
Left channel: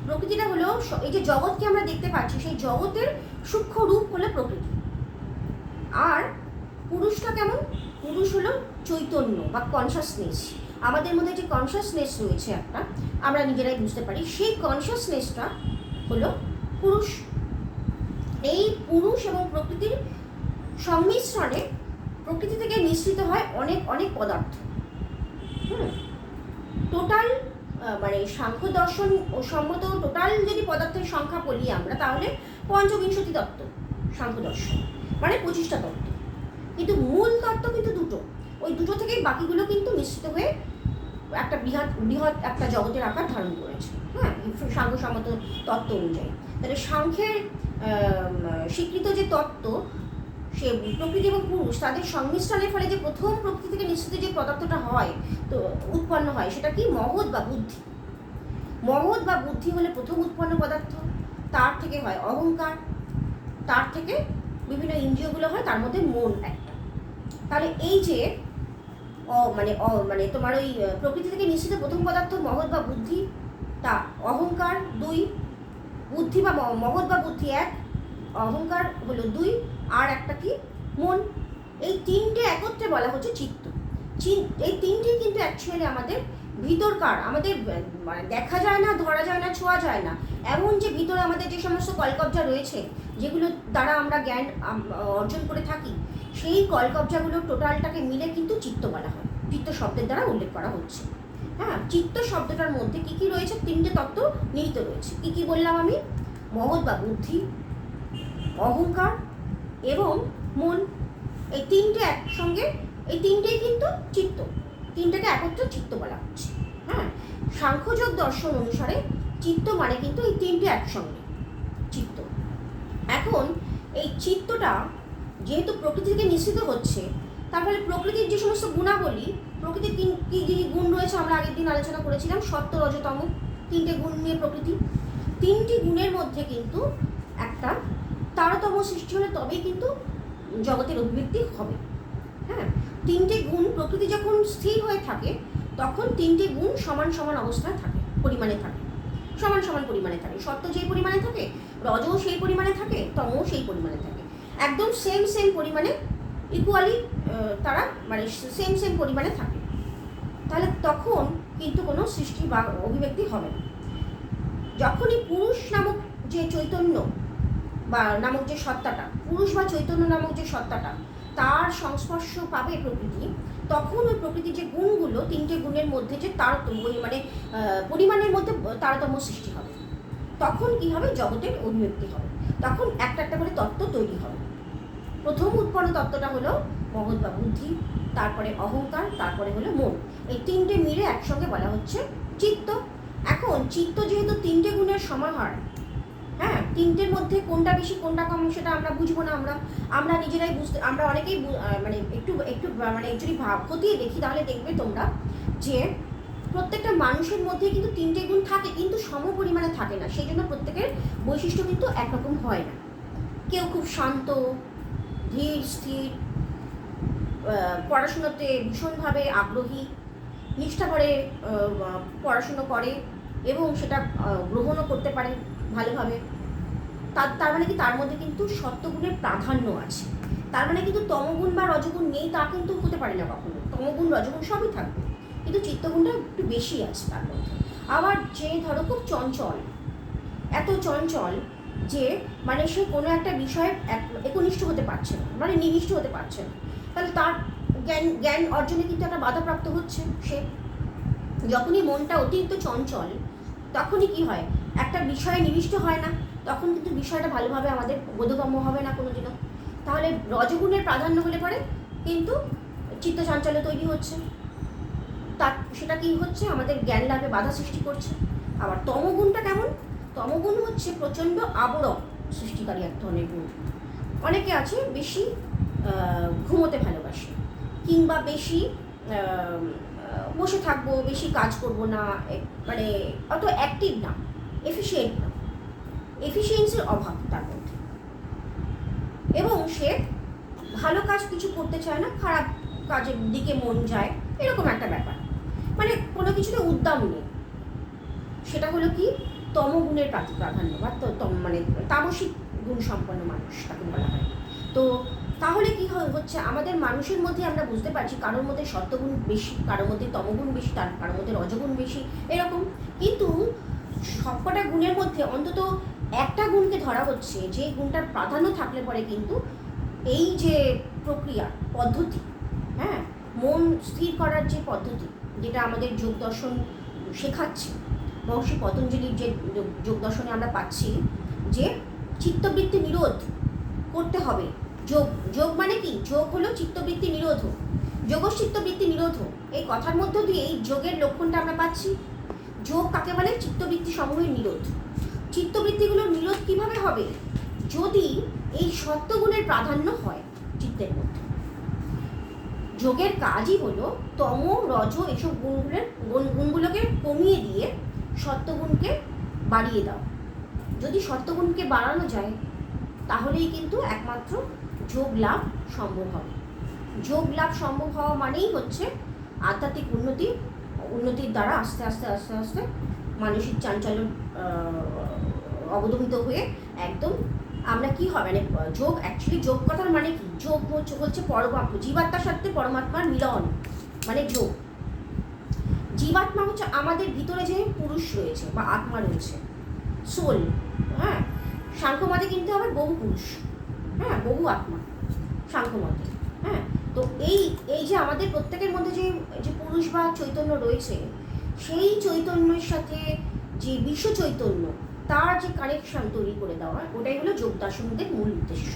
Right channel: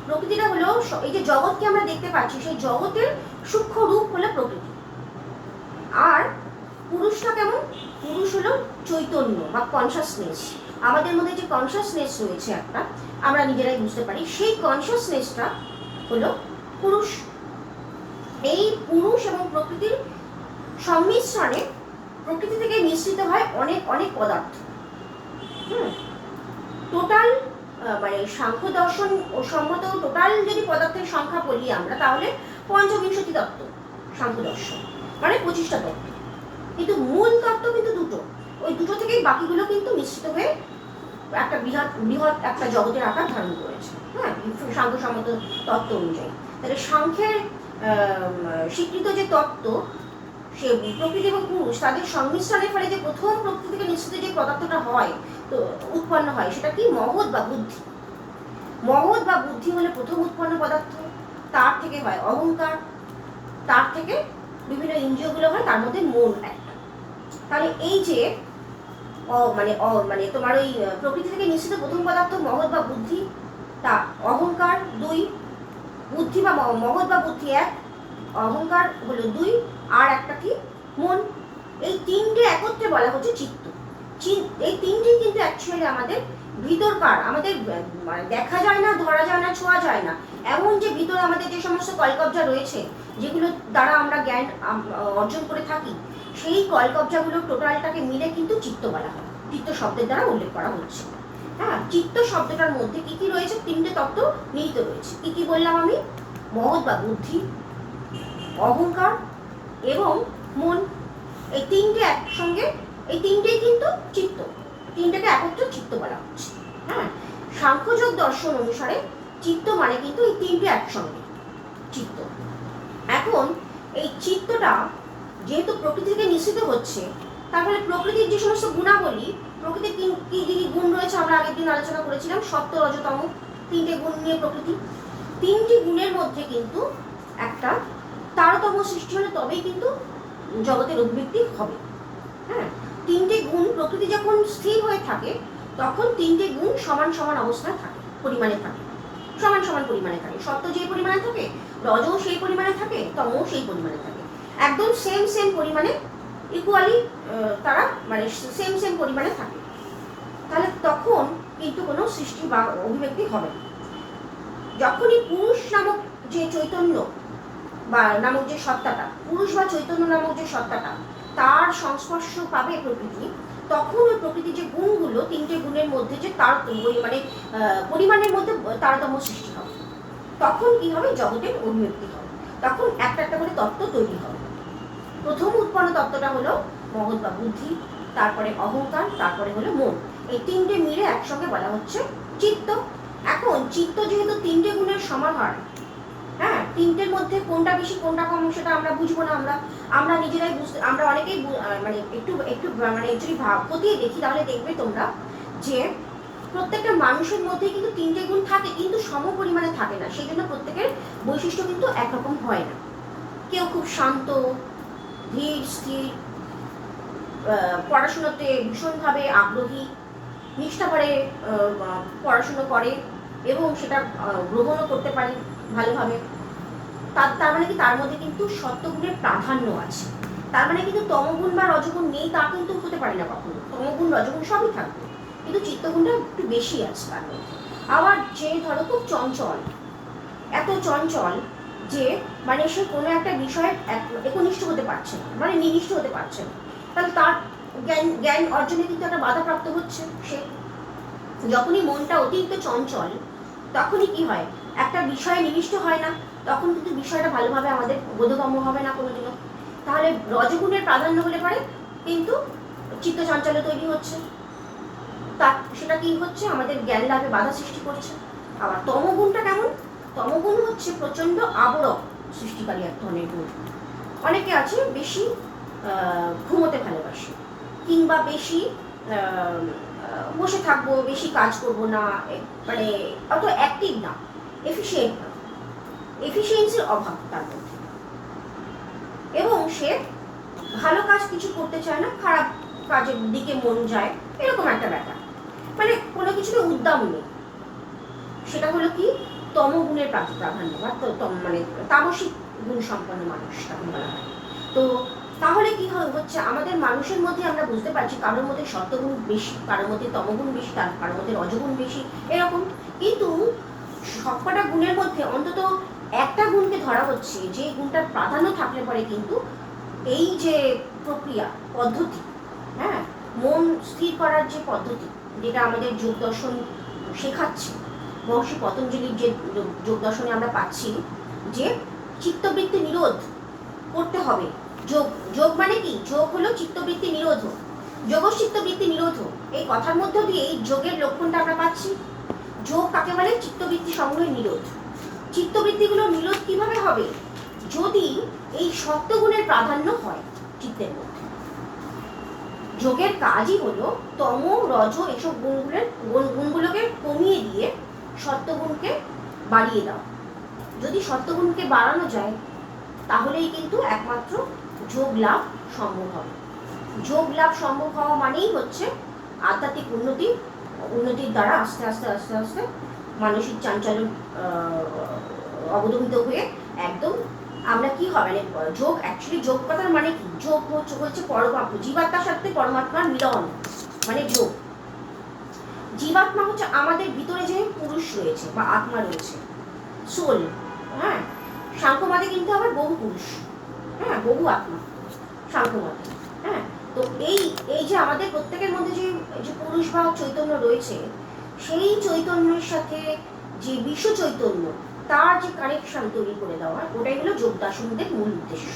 প্রকৃতিটা হলো এই যে জগৎকে আমরা দেখতে পাচ্ছি সেই জগতের সূক্ষ্ম রূপ হলো প্রকৃতি। আর পুরুষটা কেমন, পুরুষ হলো চৈতন্য বা কনসাসনেস। আমাদের মধ্যে যে কনসাসনেস রয়েছে একটা, আমরা নিজেরাই বুঝতে পারি, সেই কনসাসনেসটা হলো পুরুষ। এই পুরুষ এবং প্রকৃতির সংমিশ্রণে প্রকৃতি থেকে নিঃসৃত হয় অনেক অনেক পদার্থ। টোটাল মানে সাংখ্য দর্শন ও সম্মত টোটাল যদি পদার্থের সংখ্যা বলি আমরা, তাহলে পঞ্চবিংশতি তত্ত্ব সাংখ্য দর্শন, মানে 25টা তত্ত্ব। কিন্তু মূল তত্ত্ব কিন্তু দুটো, ওই দুটো থেকেই বাকিগুলো কিন্তু মিশ্রিত হয়ে একটা বৃহৎ একটা জগতের আকার ধারণ করেছে। হ্যাঁ, সাংখ্য সম্মত তত্ত্ব অনুযায়ী। তাহলে সাংখ্যের স্বীকৃত যে তত্ত্ব, সে প্রকৃতি এবং পুরুষ তাদের সংমিশ্রণের ফলে যে প্রথম প্রকৃতি থেকে নিঃসৃত যে পদার্থটা হয়, তো উৎপন্ন হয়, সেটা কি মহৎ বা বুদ্ধি। মহৎ বা বুদ্ধি হলে প্রথম উৎপন্ন পদার্থ, তার থেকে হয় অহংকার, তার থেকে বিভিন্ন ইন্দ্রিয়গুলো হয়, তার মধ্যে মন একটা। তাহলে এই যে মানে তোমার ওই প্রকৃতি থেকে নিঃসৃত প্রথম পদার্থ মহৎ বা বুদ্ধি, তা অহংকার 2, বুদ্ধি বা মহৎ বা বুদ্ধি 1, অহংকার হলো 2, আর একটা কি মন। এই তিনটে একত্রে বলা হচ্ছে চিত্ত। এই তিনটি কিন্তু অ্যাকচুয়ালি আমাদের ভিতরকার, আমাদের দেখা যায় না, ধরা যায় না, ছোঁয়া যায় না, এমন যে ভিতরে আমাদের যে সমস্ত কলকবজা রয়েছে, যেগুলো দ্বারা আমরা জ্ঞান অর্জন করে থাকি, সেই কলকবজাগুলো টোটালটাকে মিলে কিন্তু চিত্ত বলা হয়, চিত্ত শব্দের দ্বারা উল্লেখ করা হচ্ছে। হ্যাঁ, চিত্ত শব্দটার মধ্যে কি কি রয়েছে, তিনটে তত্ত্ব নিহিত রয়েছে। কি কি বললাম আমি, মহৎ বা বুদ্ধি, অহংকার এবং মন। এই তিনটে একসঙ্গে, এই তিনটেই কিন্তু চিত্ত, তিনটাকে একত্রে চিত্ত বলা হচ্ছে। হ্যাঁ, সাংখ্যযোগ দর্শন অনুসারে চিত্ত মানে কিন্তু এই তিনটে একসঙ্গে চিত্ত। এখন এই চিত্তটা যেহেতু প্রকৃতি থেকে নিঃসৃত হচ্ছে, তারপরে প্রকৃতির যে সমস্ত গুণাবলী, প্রকৃতির কি কি গুণ রয়েছে আমরা আগের দিন আলোচনা করেছিলাম, সত্য, রজতম, তিনটে গুণ নিয়ে প্রকৃতি। তিনটি গুণের মধ্যে কিন্তু একটা তারতম্য সৃষ্টি হলে তবেই কিন্তু জগতের অভিব্যক্তি হবে। হ্যাঁ, তিনটে গুণ প্রকৃতি যখন স্থির হয়ে থাকে তখন তিনটে গুণ সমান সমান অবস্থায় থাকে, পরিমাণে থাকে, সমান সমান পরিমাণে থাকে। সত্য যেই পরিমাণে থাকে, রজও সেই পরিমাণে থাকে, তমও সেই পরিমাণে থাকে, একদম সেম পরিমাণে, ইকুয়ালি তারা মানে সেম পরিমাণে থাকে। তাহলে তখন কিন্তু কোনো সৃষ্টি বা অভিব্যক্তি হবে না। যখনই পুরুষ নামক যে চৈতন্য বা নামক যে সত্তাটা, পুরুষ বা চৈতন্য নামক যে সত্তাটা, তার সংস্পর্শ পাবে প্রকৃতি, তখন ওই প্রকৃতির যে গুণগুলো, তিনটে গুণের মধ্যে যে তারতম্য, মানে পরিমাণের মধ্যে তারতম্য সৃষ্টি হবে, তখন কি হবে, জগতের অভিব্যক্তি হবে, তখন একটা একটা করে তত্ত্ব তৈরি হবে। প্রথম উৎপন্ন তত্ত্বটা হলো মহৎ বা বুদ্ধি, তারপরে অহংকার, তারপরে হলো মন। এই তিনটে মিলে একসঙ্গে বলা হচ্ছে চিত্ত। এখন চিত্ত যেহেতু তিনটে গুণের সমাহার, হ্যাঁ, তিনটের মধ্যে কোনটা বেশি কোনটা কম সেটা আমরা বুঝবো না, আমরা নিজেরাই বুঝতে, আমরা অনেকেই মানে একটু মানে যদি খতিয়ে দেখি, তাহলে দেখবে তোমরা যে প্রত্যেকটা মানুষের মধ্যে কিন্তু তিনটে গুণ থাকে, কিন্তু সম পরিমাণে থাকে না। সেই জন্য প্রত্যেকের বৈশিষ্ট্য কিন্তু একরকম হয় না। কেউ খুব শান্ত, ধীর স্থির, পড়াশোনাতে ভীষণভাবে আগ্রহী, নিষ্ঠাভরে পড়াশুনো করে এবং সেটা গ্রহণও করতে পারে ভালোভাবে। তার মানে কি, তার মধ্যে কিন্তু সত্যগুণের প্রাধান্য আছে। তার মানে কিন্তু তমগুণ বা রজগুণ নেই তা কিন্তু হতে পারে না কখনো, তমগুণ রজগুণ সবই থাকবে, কিন্তু চিত্তগুণটা একটু বেশি আছে তার মধ্যে। আবার যে ধরো খুব চঞ্চল, এত চঞ্চল যে মানে সে কোনো একটা বিষয়ে একনিষ্ঠ হতে পারছে না, মানে নিবিষ্ট হতে পারছে না, তাহলে তার জ্ঞান অর্জনে কিন্তু একটা বাধাপ্রাপ্ত হচ্ছে। সে যখনই মনটা অতিরিক্ত চঞ্চল তখনই কি হয়, একটা বিষয়ে নিবিষ্ট হয় না, তখন কিন্তু বিষয়টা ভালোভাবে আমাদের বোধগম্য হবে না কোনোদিনও। তাহলে রজগুণের প্রাধান্য হলে পরে কিন্তু চিত্ত চাঞ্চল্য তৈরি হচ্ছে, তার সেটা কি হচ্ছে, আমাদের জ্ঞান লাভে বাধা সৃষ্টি করছে। আবার তমগুণটা কেমন, তমগুণ হচ্ছে প্রচণ্ড আবরক সৃষ্টিকারী এক ধরনের গুণ। অনেকে আছে বেশি ঘুমোতে ভালোবাসে, কিংবা বেশি বসে থাকবো, বেশি কাজ করব না, মানে অত অ্যাক্টিভ না, এফিশিয়েন্ট না, এফিসিয়েন্সির অভাব তার মধ্যে, এবং সে ভালো কাজ কিছু করতে চায় না, খারাপ কাজের দিকে মন যায়, এরকম একটা ব্যাপার, মানে কোনো কিছুতে উদ্যম নেই। সেটা হলো কি তমগুণের প্রাধান্য বা মানে তামসিক গুণ সম্পন্ন মানুষ তাকে বলা হয়। তো তাহলে কি হচ্ছে, আমাদের মানুষের মধ্যে আমরা বুঝতে পারছি কারোর মধ্যে সত্যগুণ বেশি, কারোর মধ্যে তমগুণ বেশি, কারোর মধ্যে রজগুণ বেশি, এরকম। কিন্তু সবকটা গুণের মধ্যে অন্তত একটা গুণকে ধরা হচ্ছে, যে গুণটার প্রাধান্য থাকলে পরে কিন্তু এই যে প্রক্রিয়া পদ্ধতি, হ্যাঁ, মন স্থির করার যে পদ্ধতি, যেটা আমাদের যোগ দর্শন শেখাচ্ছে, মহর্ষি পতঞ্জলির যে যোগ দর্শনে আমরা পাচ্ছি যে চিত্তবৃত্তি নিরোধ করতে হবে। যোগ, যোগ মানে কি, যোগ হলো চিত্তবৃত্তি নিরোধ, যোগচিত্তবৃত্তি নিরোধ, এই কথার মধ্য দিয়ে এই যোগের লক্ষণটা আমরা পাচ্ছি। যোগ কাকে বলে, চিত্তবৃত্তি সমূহের নিরোধ। চিত্তবৃত্তিগুলোর নিরোধ কিভাবে হবে, যদি এই সত্যগুণের প্রাধান্য হয় চিত্তের মধ্যে। যোগের কাজই হলো তম রজ এসব গুণগুলোকে কমিয়ে দিয়ে সত্যগুণকে বাড়িয়ে দাও। যদি সত্যগুণকে বাড়ানো যায় তাহলেই কিন্তু একমাত্র যোগ লাভ সম্ভব হবে। যোগ লাভ সম্ভব হওয়া মানেই হচ্ছে আধ্যাত্মিক উন্নতির দ্বারা আস্তে আস্তে আস্তে আস্তে মানসিক চাঞ্চল্য অবদমিত হয়ে একদম আমরা কি হবে, মানে যোগ, অ্যাকচুয়ালি যোগ কথার মানে কি, যোগ হচ্ছে পরমাত্মা, জীবাত্মার সাথে পরমাত্মার মিলন, মানে যোগ। জীবাত্মা হচ্ছে আমাদের ভিতরে যে পুরুষ রয়েছে বা আত্মা রয়েছে, সোল, হ্যাঁ। সাংখ্যমতে কিন্তু আবার বহু পুরুষ, হ্যাঁ, বহু আত্মা সাংখ্যমতে, হ্যাঁ। তো এই যে আমাদের প্রত্যেকের মধ্যে যে পুরুষ বা চৈতন্য রয়েছে, সেই চৈতন্যের সাথে যে বিশ্ব চৈতন্য, তার যে কানেকশন তৈরি করে দেওয়া, ওটাই হলো যোগ দার্শনিকদের মূল উদ্দেশ্য।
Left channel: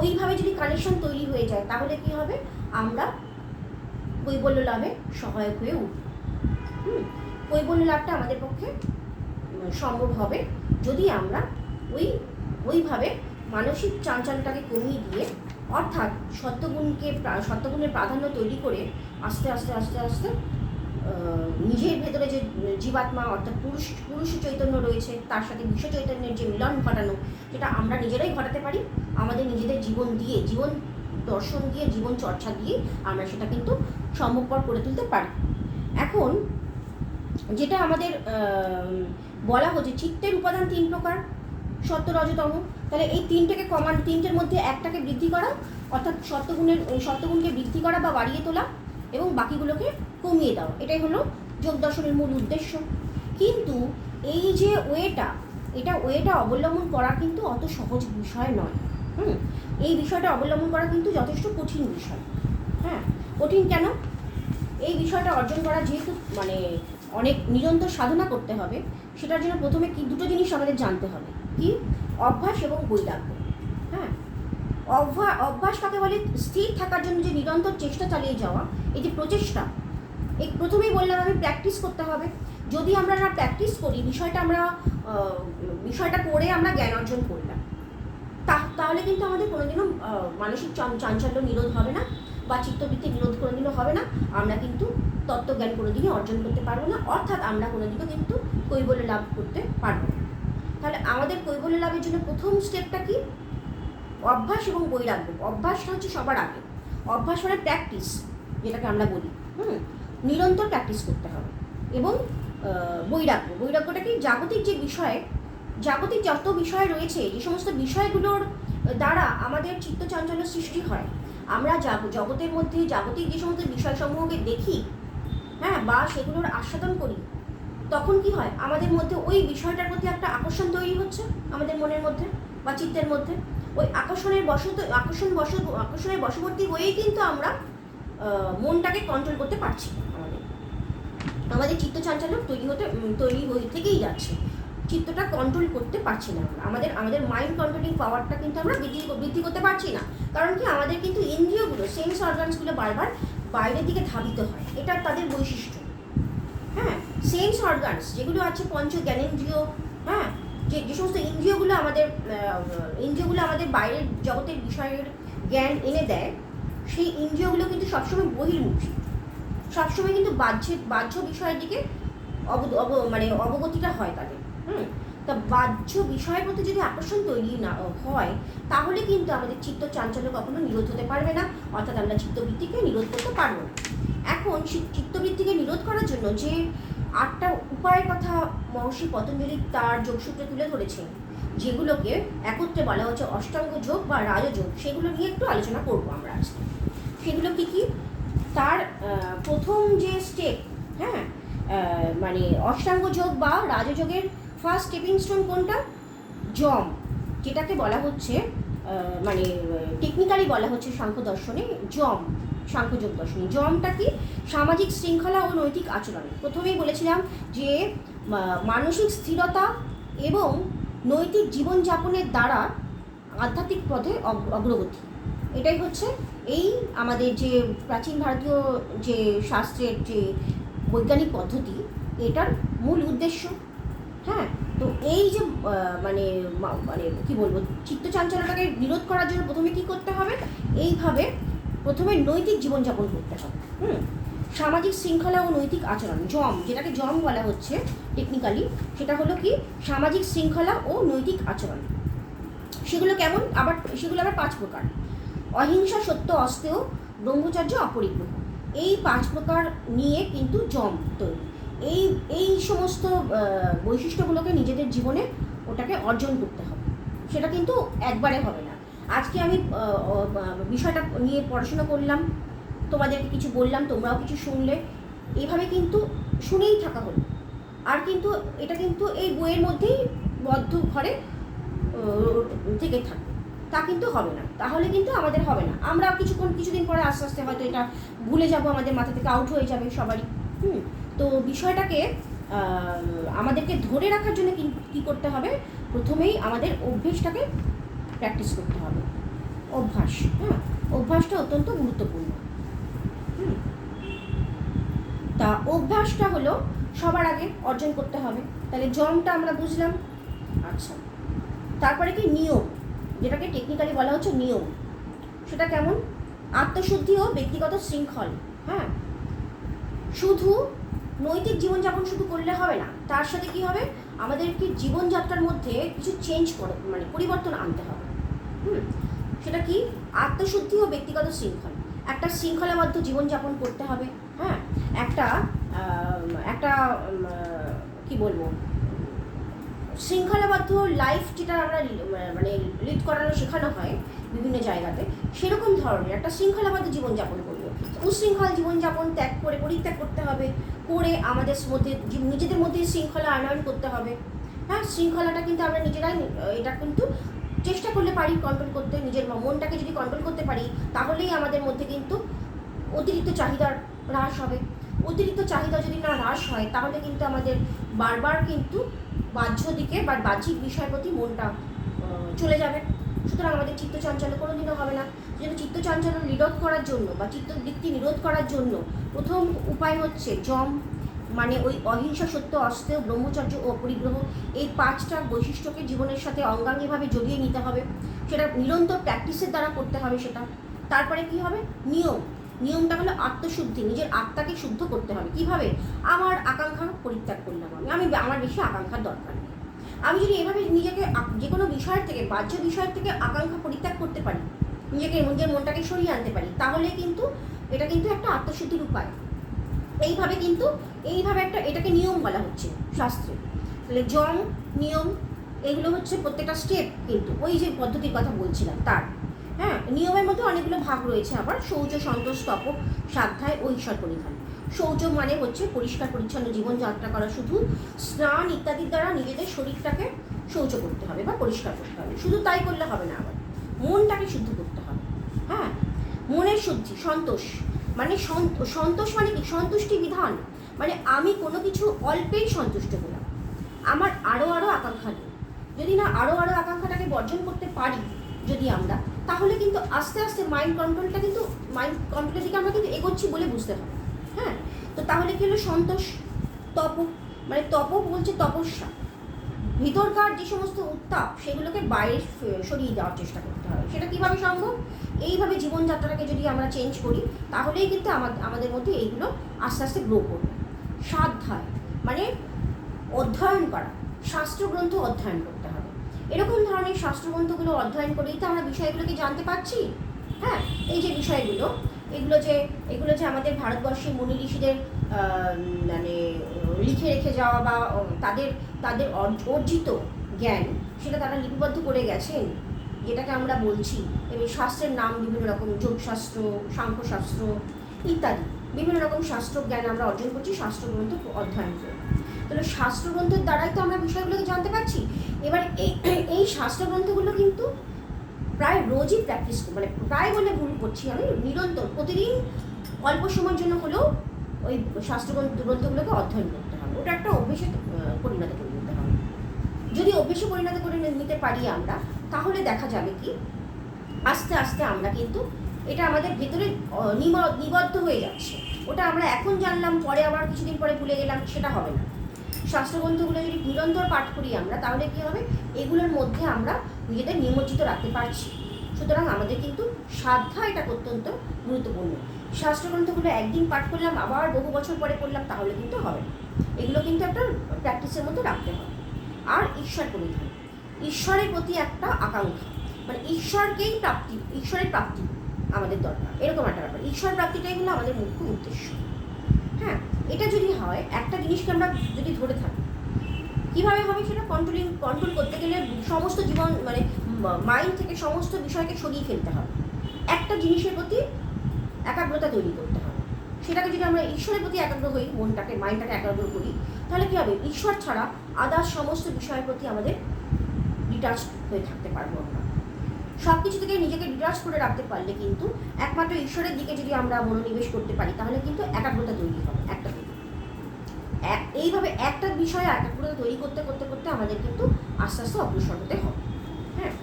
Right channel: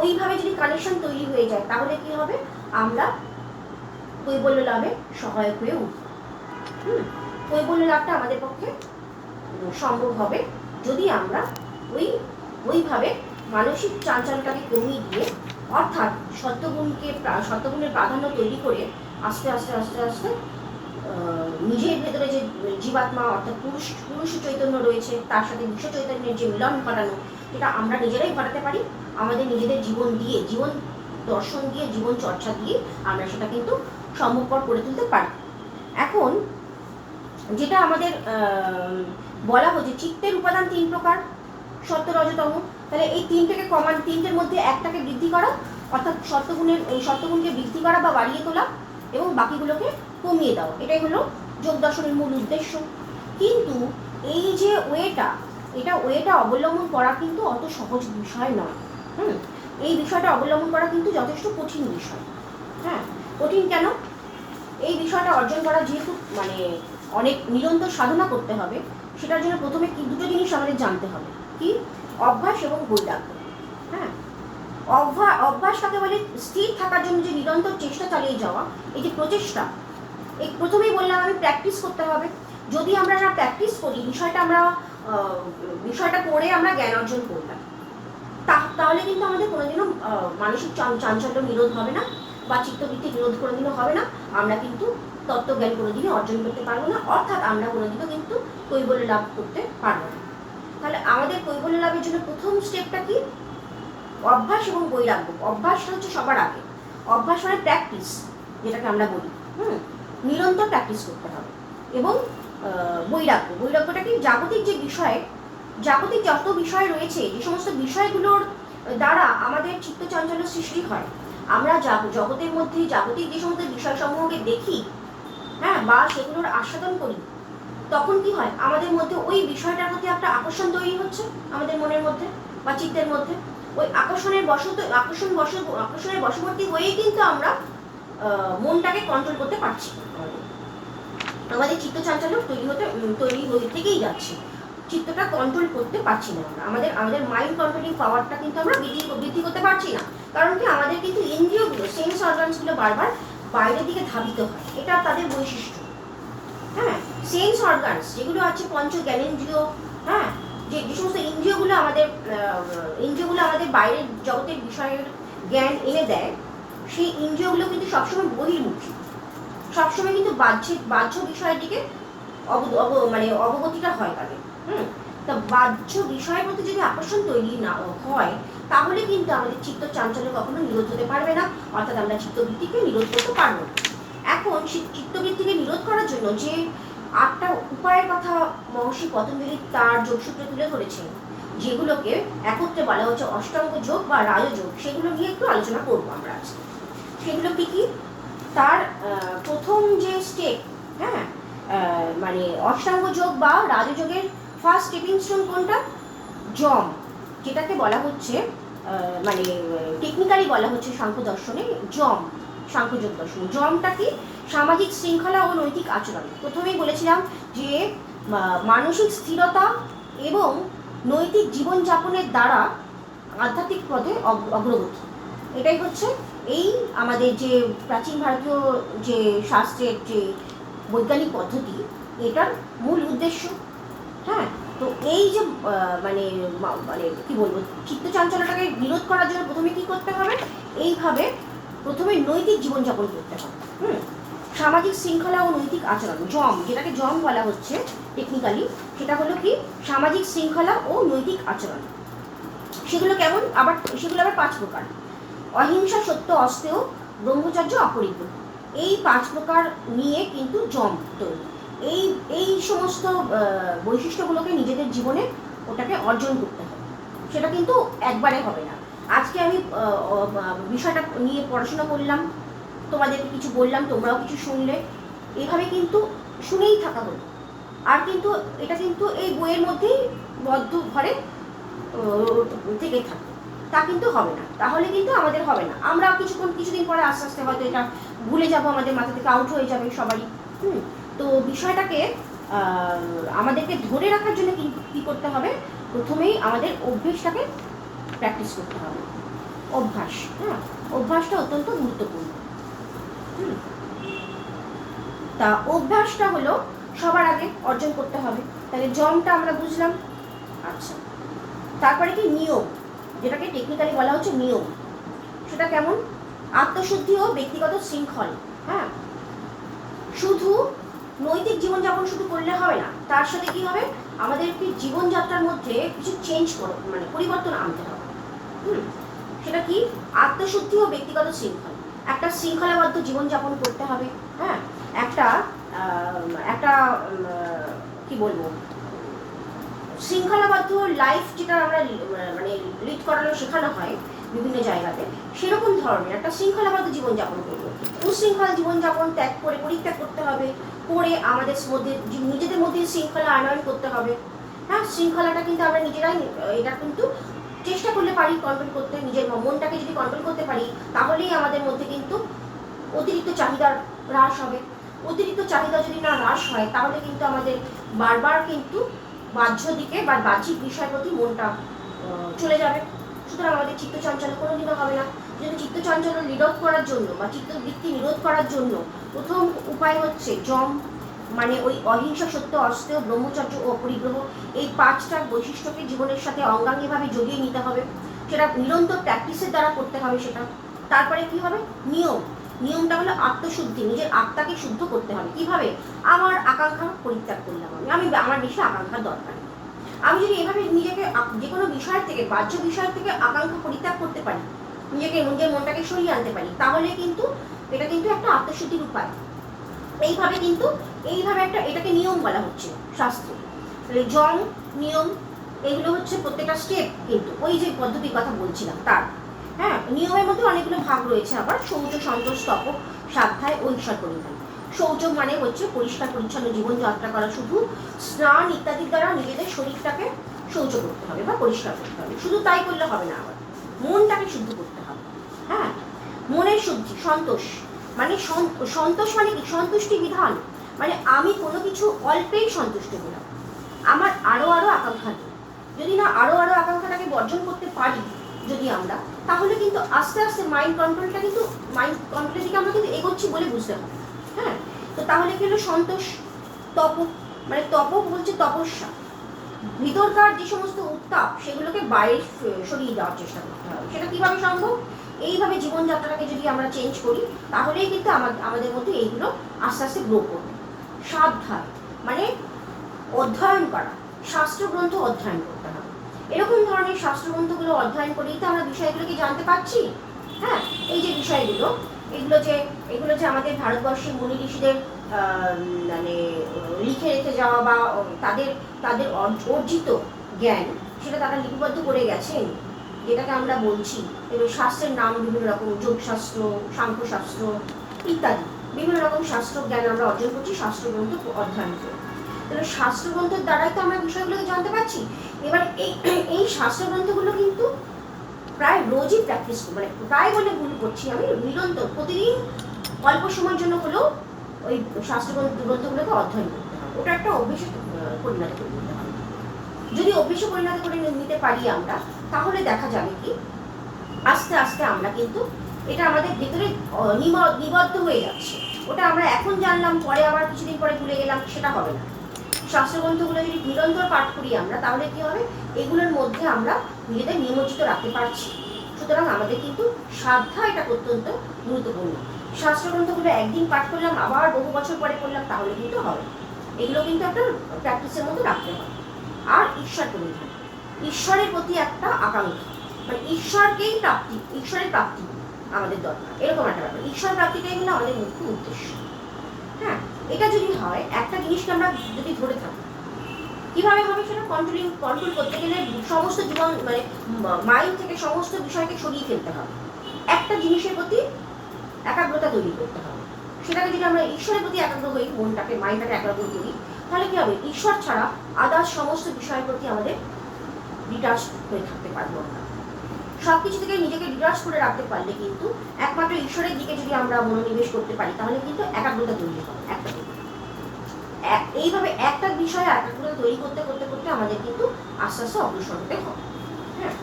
ওইভাবে যদি কানেকশন তৈরি হয়ে যায় তাহলে কি হবে, আমরা কৈবল্য লাভে সহায়ক হয়ে উঠব। কৈবল্য লাভটা আমাদের পক্ষে সম্ভব হবে যদি আমরা ওইভাবে মানসিক চাঞ্চল্যটাকে কমিয়ে দিয়ে, অর্থাৎ সত্যগুণের প্রাধান্য তৈরি করে আস্তে আস্তে আস্তে আস্তে নিজের ভেতরে যে জীবাত্মা অর্থাৎ পুরুষ চৈতন্য রয়েছে, তার সাথে বিশ্ব চৈতন্যের যে মিলন ঘটানো, এটা আমরা নিজেরাই ঘটাতে পারি আমাদের নিজেদের জীবন দিয়ে, জীবন দর্শন দিয়ে, জীবন চর্চা দিয়ে আমরা সেটা কিন্তু সম্ভবপর করে তুলতে পারি। এখন যেটা আমাদের বলা হচ্ছে চিত্তের উপাদান 3 প্রকার, সত্য রজতম, তাহলে এই তিনটের মধ্যে একটাকে বৃদ্ধি করা, অর্থাৎ সত্যগুণকে বৃদ্ধি করা বা বাড়িয়ে তোলা, এবং বাকিগুলোকে কমিয়ে দাও, এটাই হলো যোগ দর্শনের মূল উদ্দেশ্য। কিন্তু এই যে ওয়েটা অবলম্বন করা কিন্তু অত সহজ বিষয় নয়। এই বিষয়টা অবলম্বন করা কিন্তু যথেষ্ট কঠিন বিষয়। হ্যাঁ, কঠিন কেন, এই বিষয়টা অর্জন করা যেহেতু মানে অনেক নিরন্তর সাধনা করতে হবে, সেটার জন্য প্রথমে দুটো জিনিস আমাদের জানতে হবে, কি, অভ্যাস এবং বৈরাগ্য। হ্যাঁ, অভ্যাস কাকে বলে, স্থির থাকার জন্য যে নিরন্তর চেষ্টা চালিয়ে যাওয়া, এই যে প্রচেষ্টা, এই প্রথমেই বললাম আমি প্র্যাকটিস করতে হবে। যদি আমরা প্র্যাকটিস করি, বিষয়টা করে আমরা জ্ঞান অর্জন করলাম, তাহলে কিন্তু আমাদের কোনোদিনও মানসিক চাঞ্চল্য নিরোধ হবে না, বা চিত্তবৃত্তি নিরোধ কোনোদিনও হবে না, আমরা কিন্তু তত্ত্বজ্ঞান কোনোদিনই অর্জন করতে পারবো না, অর্থাৎ আমরা কোনোদিনও কিন্তু কৈবল্য লাভ করতে পারবো না। তাহলে আমাদের কৈবল্য লাভের জন্য প্রথম স্টেপটা কি, অভ্যাস এবং বৈরাগ্য। অভ্যাসটা হচ্ছে সবার আগে, অভ্যাস মানে প্র্যাকটিস, যেটাকে আমরা বলি, নিরন্তর প্র্যাকটিস করতে হবে। এবং বৈরাগ্যটা কি, জাগতিক যত বিষয় রয়েছে, যে সমস্ত বিষয়গুলোর দ্বারা আমাদের চিত্ত চাঞ্চল্য সৃষ্টি হয়। আমরা জগতের মধ্যে জাগতিক যে সমস্ত বিষয়সমূহকে দেখি, হ্যাঁ, বা সেগুলোর আস্বাদন করি, তখন কি হয়, আমাদের মধ্যে ওই বিষয়টার প্রতি একটা আকর্ষণ তৈরি হচ্ছে আমাদের মনের মধ্যে বা চিত্তের মধ্যে। ওই আকর্ষণের বশবর্তী হয়েই কিন্তু আমরা মনটাকে কন্ট্রোল করতে পারছি না। আমাদের চিত্ত চাঞ্চল্য তৈরি হয়ে থেকেই যাচ্ছে, চিত্তটা কন্ট্রোল করতে পারছি না আমরা। আমাদের মাইন্ড কন্ট্রোলিং পাওয়ারটা কিন্তু আমরা বৃদ্ধি করতে পারছি না। কারণ কি, আমাদের কিন্তু ইন্দ্রিয়গুলো, সেন্স অর্গানসগুলো বারবার বাইরের দিকে ধাবিত হয়, এটা তাদের বৈশিষ্ট্য। হ্যাঁ, সেন্স অর্গানস যেগুলো আছে, পঞ্চ জ্ঞানেন্দ্রিয়, হ্যাঁ, যে সমস্ত ইন্দ্রিয়গুলো আমাদের বাইরের জগতের বিষয়ের জ্ঞান এনে দেয়, সেই ইন্দ্রিয়গুলো কিন্তু সবসময় বহির্মুখী, সবসময় কিন্তু বাহ্য বিষয়ের দিকে অবগতিটা হয় তাদের। তা বাহ্য বিষয়ের প্রতি যদি আকর্ষণ তৈরি না হয়, তাহলে কিন্তু আমাদের চিত্ত চাঞ্চল্য কখনো নিরোধ হতে পারবে না, অর্থাৎ আমরা চিত্তবৃত্তিকে নিরোধ করতে পারবো না। এখন চিত্তবৃত্তিকে নিরোধ করার জন্য যে 8টা উপায়ের কথা মহর্ষি পতঞ্জলি তার যোগসূত্রে তুলে ধরেছেন, যেগুলোকে একত্রে বলা হচ্ছে অষ্টাঙ্গ যোগ বা রাজযোগ, সেগুলো নিয়ে একটু আলোচনা করবো আমরা আজকে। সেগুলো কি কি? তার প্রথম যে স্টেপ, হ্যাঁ, মানে অষ্টাঙ্গ যোগ বা রাজযোগের ফার্স্ট স্টেপিং স্টোন কোনটা? যম, যেটাকে বলা হচ্ছে মানে টেকনিক্যালি বলা হচ্ছে সাংখ্য দর্শনে যম, সাংখ্যযোগ দর্শনে। যমটা কি? সামাজিক শৃঙ্খলা ও নৈতিক আচরণ। প্রথমেই বলেছিলাম যে মানসিক স্থিরতা এবং নৈতিক জীবনযাপনের দ্বারা আধ্যাত্মিক পথে অগ্রগতি, এটাই হচ্ছে এই আমাদের যে প্রাচীন ভারতীয় যে শাস্ত্রের যে বৈজ্ঞানিক পদ্ধতি, এটার মূল উদ্দেশ্য। হ্যাঁ, তো এই যে মানে মানে কি বলবো, চিত্ত চাঞ্চল্যটাকে বিরোধ করার জন্য প্রথমে কি করতে হবে? এইভাবে প্রথমে নৈতিক জীবনযাপন করতে হবে। সামাজিক শৃঙ্খলা ও নৈতিক আচরণ, যম, যেটাকে যম বলা হচ্ছে টেকনিক্যালি, সেটা হলো কি সামাজিক শৃঙ্খলা ও নৈতিক আচরণ। সেগুলো কেমন? সেগুলো আবার 5 প্রকার। অহিংসা, সত্য, অস্তেয়, ব্রহ্মচর্য, অপরিগ্রহ, এই 5 প্রকার নিয়ে কিন্তু যম তৈরি। এই সমস্ত বৈশিষ্ট্যগুলোকে নিজেদের জীবনে ওটাকে অর্জন করতে হবে, সেটা কিন্তু একবারে হবে না। আজকে আমি বিষয়টা নিয়ে পড়াশোনা করলাম, তোমাদেরকে কিছু বললাম, তোমরাও কিছু শুনলে, এইভাবে কিন্তু শুনেই থাকা হলো, আর কিন্তু এটা কিন্তু এই বইয়ের মধ্যেই বদ্ধ ঘরে থেকে থাকে, তা কিন্তু হবে না। তাহলে কিন্তু আমাদের হবে না, আমরা কিছুদিন পরে আস্তে আস্তে হয়তো এটা ভুলে যাব, আমাদের মাথা থেকে আউট হয়ে যাবে সবারই। তো বিষয়টাকে আমাদেরকে ধরে রাখার জন্য কী করতে হবে? প্রথমেই আমাদের অভ্যেসটাকে প্র্যাকটিস করতে হবে। অভ্যাস, হ্যাঁ, অভ্যাসটা অত্যন্ত গুরুত্বপূর্ণ। তা অভ্যাসটা হলো সবার আগে অর্জন করতে হবে। তাহলে যমটা আমরা বুঝলাম। আচ্ছা, তারপরে কি নিয়ম, যেটাকে টেকনিক্যালি বলা হচ্ছে নিয়ম। সেটা কেমন? আত্মশুদ্ধি ও ব্যক্তিগত শৃঙ্খল। হ্যাঁ, শুধু নৈতিক জীবনযাপন শুধু করলে হবে না, তার সাথে কি হবে, আমাদেরকে জীবনযাত্রার মধ্যে কিছু মানে পরিবর্তন আনতে হবে। সেটা কি? আত্মশুদ্ধি ও ব্যক্তিগত শৃঙ্খল। একটা শৃঙ্খলাবদ্ধ জীবনযাপন করতে হবে। হ্যাঁ, একটা কি বলবো, শৃঙ্খলাবদ্ধ লাইফ যেটা আমরা মানে লিড করানো শেখানো হয় বিভিন্ন জায়গাতে, সেরকম ধরনের একটা শৃঙ্খলাবদ্ধ জীবনযাপন করবো। উশৃঙ্খল জীবনযাপন পরিত্যাগ করতে হবে, করে আমাদের মধ্যে নিজেদের মধ্যে শৃঙ্খলা আনয়ন করতে হবে। হ্যাঁ, শৃঙ্খলাটা কিন্তু আমরা নিজেরাই, এটা কিন্তু চেষ্টা করলে পারি কন্ট্রোল করতে। নিজের মনটাকে যদি কন্ট্রোল করতে পারি, তাহলেই আমাদের মধ্যে কিন্তু অতিরিক্ত চাহিদার হ্রাস হবে। অতিরিক্ত চাহিদা যদি না হ্রাস হয়, তাহলে কিন্তু আমাদের বারবার কিন্তু বাহ্য দিকে বা বাহ্যিক বিষয়ের প্রতি মনটা চলে যাবে। সুতরাং আমাদের চিত্ত চাঞ্চল্য কোনোদিনও হবে না। যেহেতু চিত্ত চাঞ্চল্য নিরোধ করার জন্য বা চিত্তবৃত্তি নিরোধ করার জন্য প্রথম উপায় হচ্ছে যম, মানে ওই অহিংসা, সত্য, অস্তেয়, ব্রহ্মচর্য ও পরিগ্রহ, এই 5টা বৈশিষ্ট্যকে জীবনের সাথে অঙ্গাঙ্গিভাবে জড়িয়ে নিতে হবে। সেটা নিরন্তর প্র্যাকটিসের দ্বারা করতে হবে সেটা। তারপরে কি হবে? নিয়ম। নিয়মটা হলো আত্মশুদ্ধি, নিজের আত্মাকে শুদ্ধ করতে হবে। কিভাবে? আমার আকাঙ্ক্ষা পরিত্যাগ করলাম, আমার বেশি আকাঙ্ক্ষার দরকার নেই। আমি যদি এভাবে নিজেকে যে কোনো বিষয়ের থেকে, বাহ্য বিষয়ের থেকে আকাঙ্ক্ষা পরিত্যাগ করতে পারি, নিজের মনটাকে সরিয়ে আনতে পারি, তাহলে কিন্তু এটা কিন্তু একটা আত্মশুদ্ধির উপায়। এইভাবে এটাকে নিয়ম বলা হচ্ছে শাস্ত্রে। তাহলে যম, নিয়ম, এইগুলো হচ্ছে প্রত্যেকটা স্টেপ, কিন্তু ওই যে পদ্ধতির কথা বলছিলাম তার। হ্যাঁ, নিয়মের মধ্যে অনেকগুলো ভাগ রয়েছে আবার। শৌচ, সন্তোষ, তপ, স্বাধ্যায় ও ঈশ্বর পরিধান। শৌচ মানে হচ্ছে পরিষ্কার পরিচ্ছন্ন জীবনযাত্রা করা, শুধু স্নান ইত্যাদির দ্বারা নিজেদের শরীরটাকে শৌচ করতে হবে বা পরিষ্কার করতে হবে। শুধু তাই করলে হবে না, আবার মনটাকে শুদ্ধ করতে হবে। হ্যাঁ, মনের শুদ্ধি। সন্তোষ মানে সন্তোষ মানে কি? সন্তুষ্টি বিধান, মানে আমি কোনো কিছু অল্পেই সন্তুষ্ট হলাম, আমার আরও আকাঙ্ক্ষা নেই। যদি না আরও আকাঙ্ক্ষাটাকে বর্জন করতে পারি যদি আমরা, তাহলে কিন্তু আস্তে আস্তে মাইন্ড কন্ট্রোলের দিকে আমরা কিন্তু এগোচ্ছি বলে বুঝতে হবে। হ্যাঁ, তো তাহলে কি হলো সন্তোষ। তপ মানে তপ বলছে তপস্যা, ভিতরকার যে সমস্ত উত্তাপ সেগুলোকে বাইরে সরিয়ে দেওয়ার চেষ্টা করতে হবে। সেটা কীভাবে সম্ভব? এইভাবে জীবনযাত্রাটাকে যদি আমরা চেঞ্জ করি, তাহলেই কিন্তু আমাদের মধ্যে এইগুলো আস্তে আস্তে গ্রো করবে। স্বাধ্যায় মানে অধ্যয়ন করা, শাস্ত্রগ্রন্থ অধ্যয়ন করতে হবে। এরকম ধরনের শাস্ত্রগ্রন্থগুলো অধ্যয়ন করেই তো আমরা বিষয়গুলোকে জানতে পারছি। হ্যাঁ, এই যে বিষয়গুলো, এগুলো যে আমাদের ভারতবর্ষের মুনি ঋষিদের মানে লিখে রেখে যাওয়া বা তাদের অর্জিত জ্ঞান, সেটা তারা লিপিবদ্ধ করে গেছেন, যেটাকে আমরা বলছি। এবং শাস্ত্রের নাম বিভিন্ন রকম, যোগশাস্ত্র, সাংখ্যশাস্ত্র ইত্যাদি বিভিন্ন রকম শাস্ত্র জ্ঞান আমরা অর্জন করছি শাস্ত্রগ্রন্থ অধ্যয়ন করে। তাহলে শাস্ত্রগ্রন্থের দ্বারাই তো আমরা বিষয়গুলোকে জানতে পারছি। এবার এই শাস্ত্রগ্রন্থগুলো কিন্তু প্রায় রোজই প্র্যাকটিস, মানে প্রায় বলে ভুল করছি আমি, নিরন্তর প্রতিদিন অল্প সময়ের জন্য হলেও ওই শাস্ত্রগ্রন্থগুলোকে অধ্যয়ন করতে হবে। ওটা একটা অভ্যেসে পরিণত করে নিতে হবে। যদি অভ্যেসে পরিণত করে নিতে পারি আমরা, তাহলে দেখা যাবে কি আস্তে আস্তে আমরা কিন্তু এটা আমাদের ভেতরে নিবদ্ধ হয়ে যাচ্ছে। ওটা আমরা এখন জানলাম, পরে আবার কিছুদিন পরে ভুলে গেলাম, সেটা হবে না। শাস্ত্রগ্রন্থগুলো যদি নিরন্তর পাঠ করি আমরা, তাহলে কি হবে? এগুলোর মধ্যে আমরা নিজেদের নিমজ্জিত রাখতে পারছি। সুতরাং আমাদের কিন্তু সাধনা এটা অত্যন্ত গুরুত্বপূর্ণ। শাস্ত্রগ্রন্থগুলো একদিন পাঠ করলাম, আবার বহু বছর পরে পড়লাম, তাহলে কিন্তু হবে। এগুলো কিন্তু একটা প্র্যাকটিসের মধ্যে রাখতে হবে। আর ঈশ্বর পরিধান, ঈশ্বরের প্রতি একটা আকাঙ্ক্ষা, মানে ঈশ্বরের প্রাপ্তি আমাদের দরকার, এরকম একটা ব্যাপার। ঈশ্বর প্রাপ্তিটাই হলো আমাদের মুখ্য উদ্দেশ্য। হ্যাঁ, এটা যদি হয়, একটা জিনিসকে আমরা যদি ধরে থাকি, কীভাবে হবে সেটা? কন্ট্রোল করতে গেলে সমস্ত জীবন মানে মাইন্ড থেকে সমস্ত বিষয়কে সরিয়ে ফেলতে হবে, একটা জিনিসের প্রতি একাগ্রতা তৈরি করতে হবে। সেটাকে যদি আমরা ঈশ্বরের প্রতি একাগ্র হই, মাইন্ডটাকে একাগ্র করি, তাহলে কী হবে? ঈশ্বর ছাড়া আদার্স সমস্ত বিষয়ের প্রতি আমাদের ডিটাচ হয়ে থাকতে পারবো আমরা। সব কিছু থেকে নিজেকে ডিটাচ করে রাখতে পারলে কিন্তু একমাত্র ঈশ্বরের দিকে যদি আমরা মনোনিবেশ করতে পারি, তাহলে কিন্তু একাগ্রতা তৈরি হবে। এইভাবে একটা বিষয়ে একাগ্রতা তৈরি করতে করতে করতে আমাদের কিন্তু আস্তে আস্তে অগ্রসর হতে হবে। হ্যাঁ,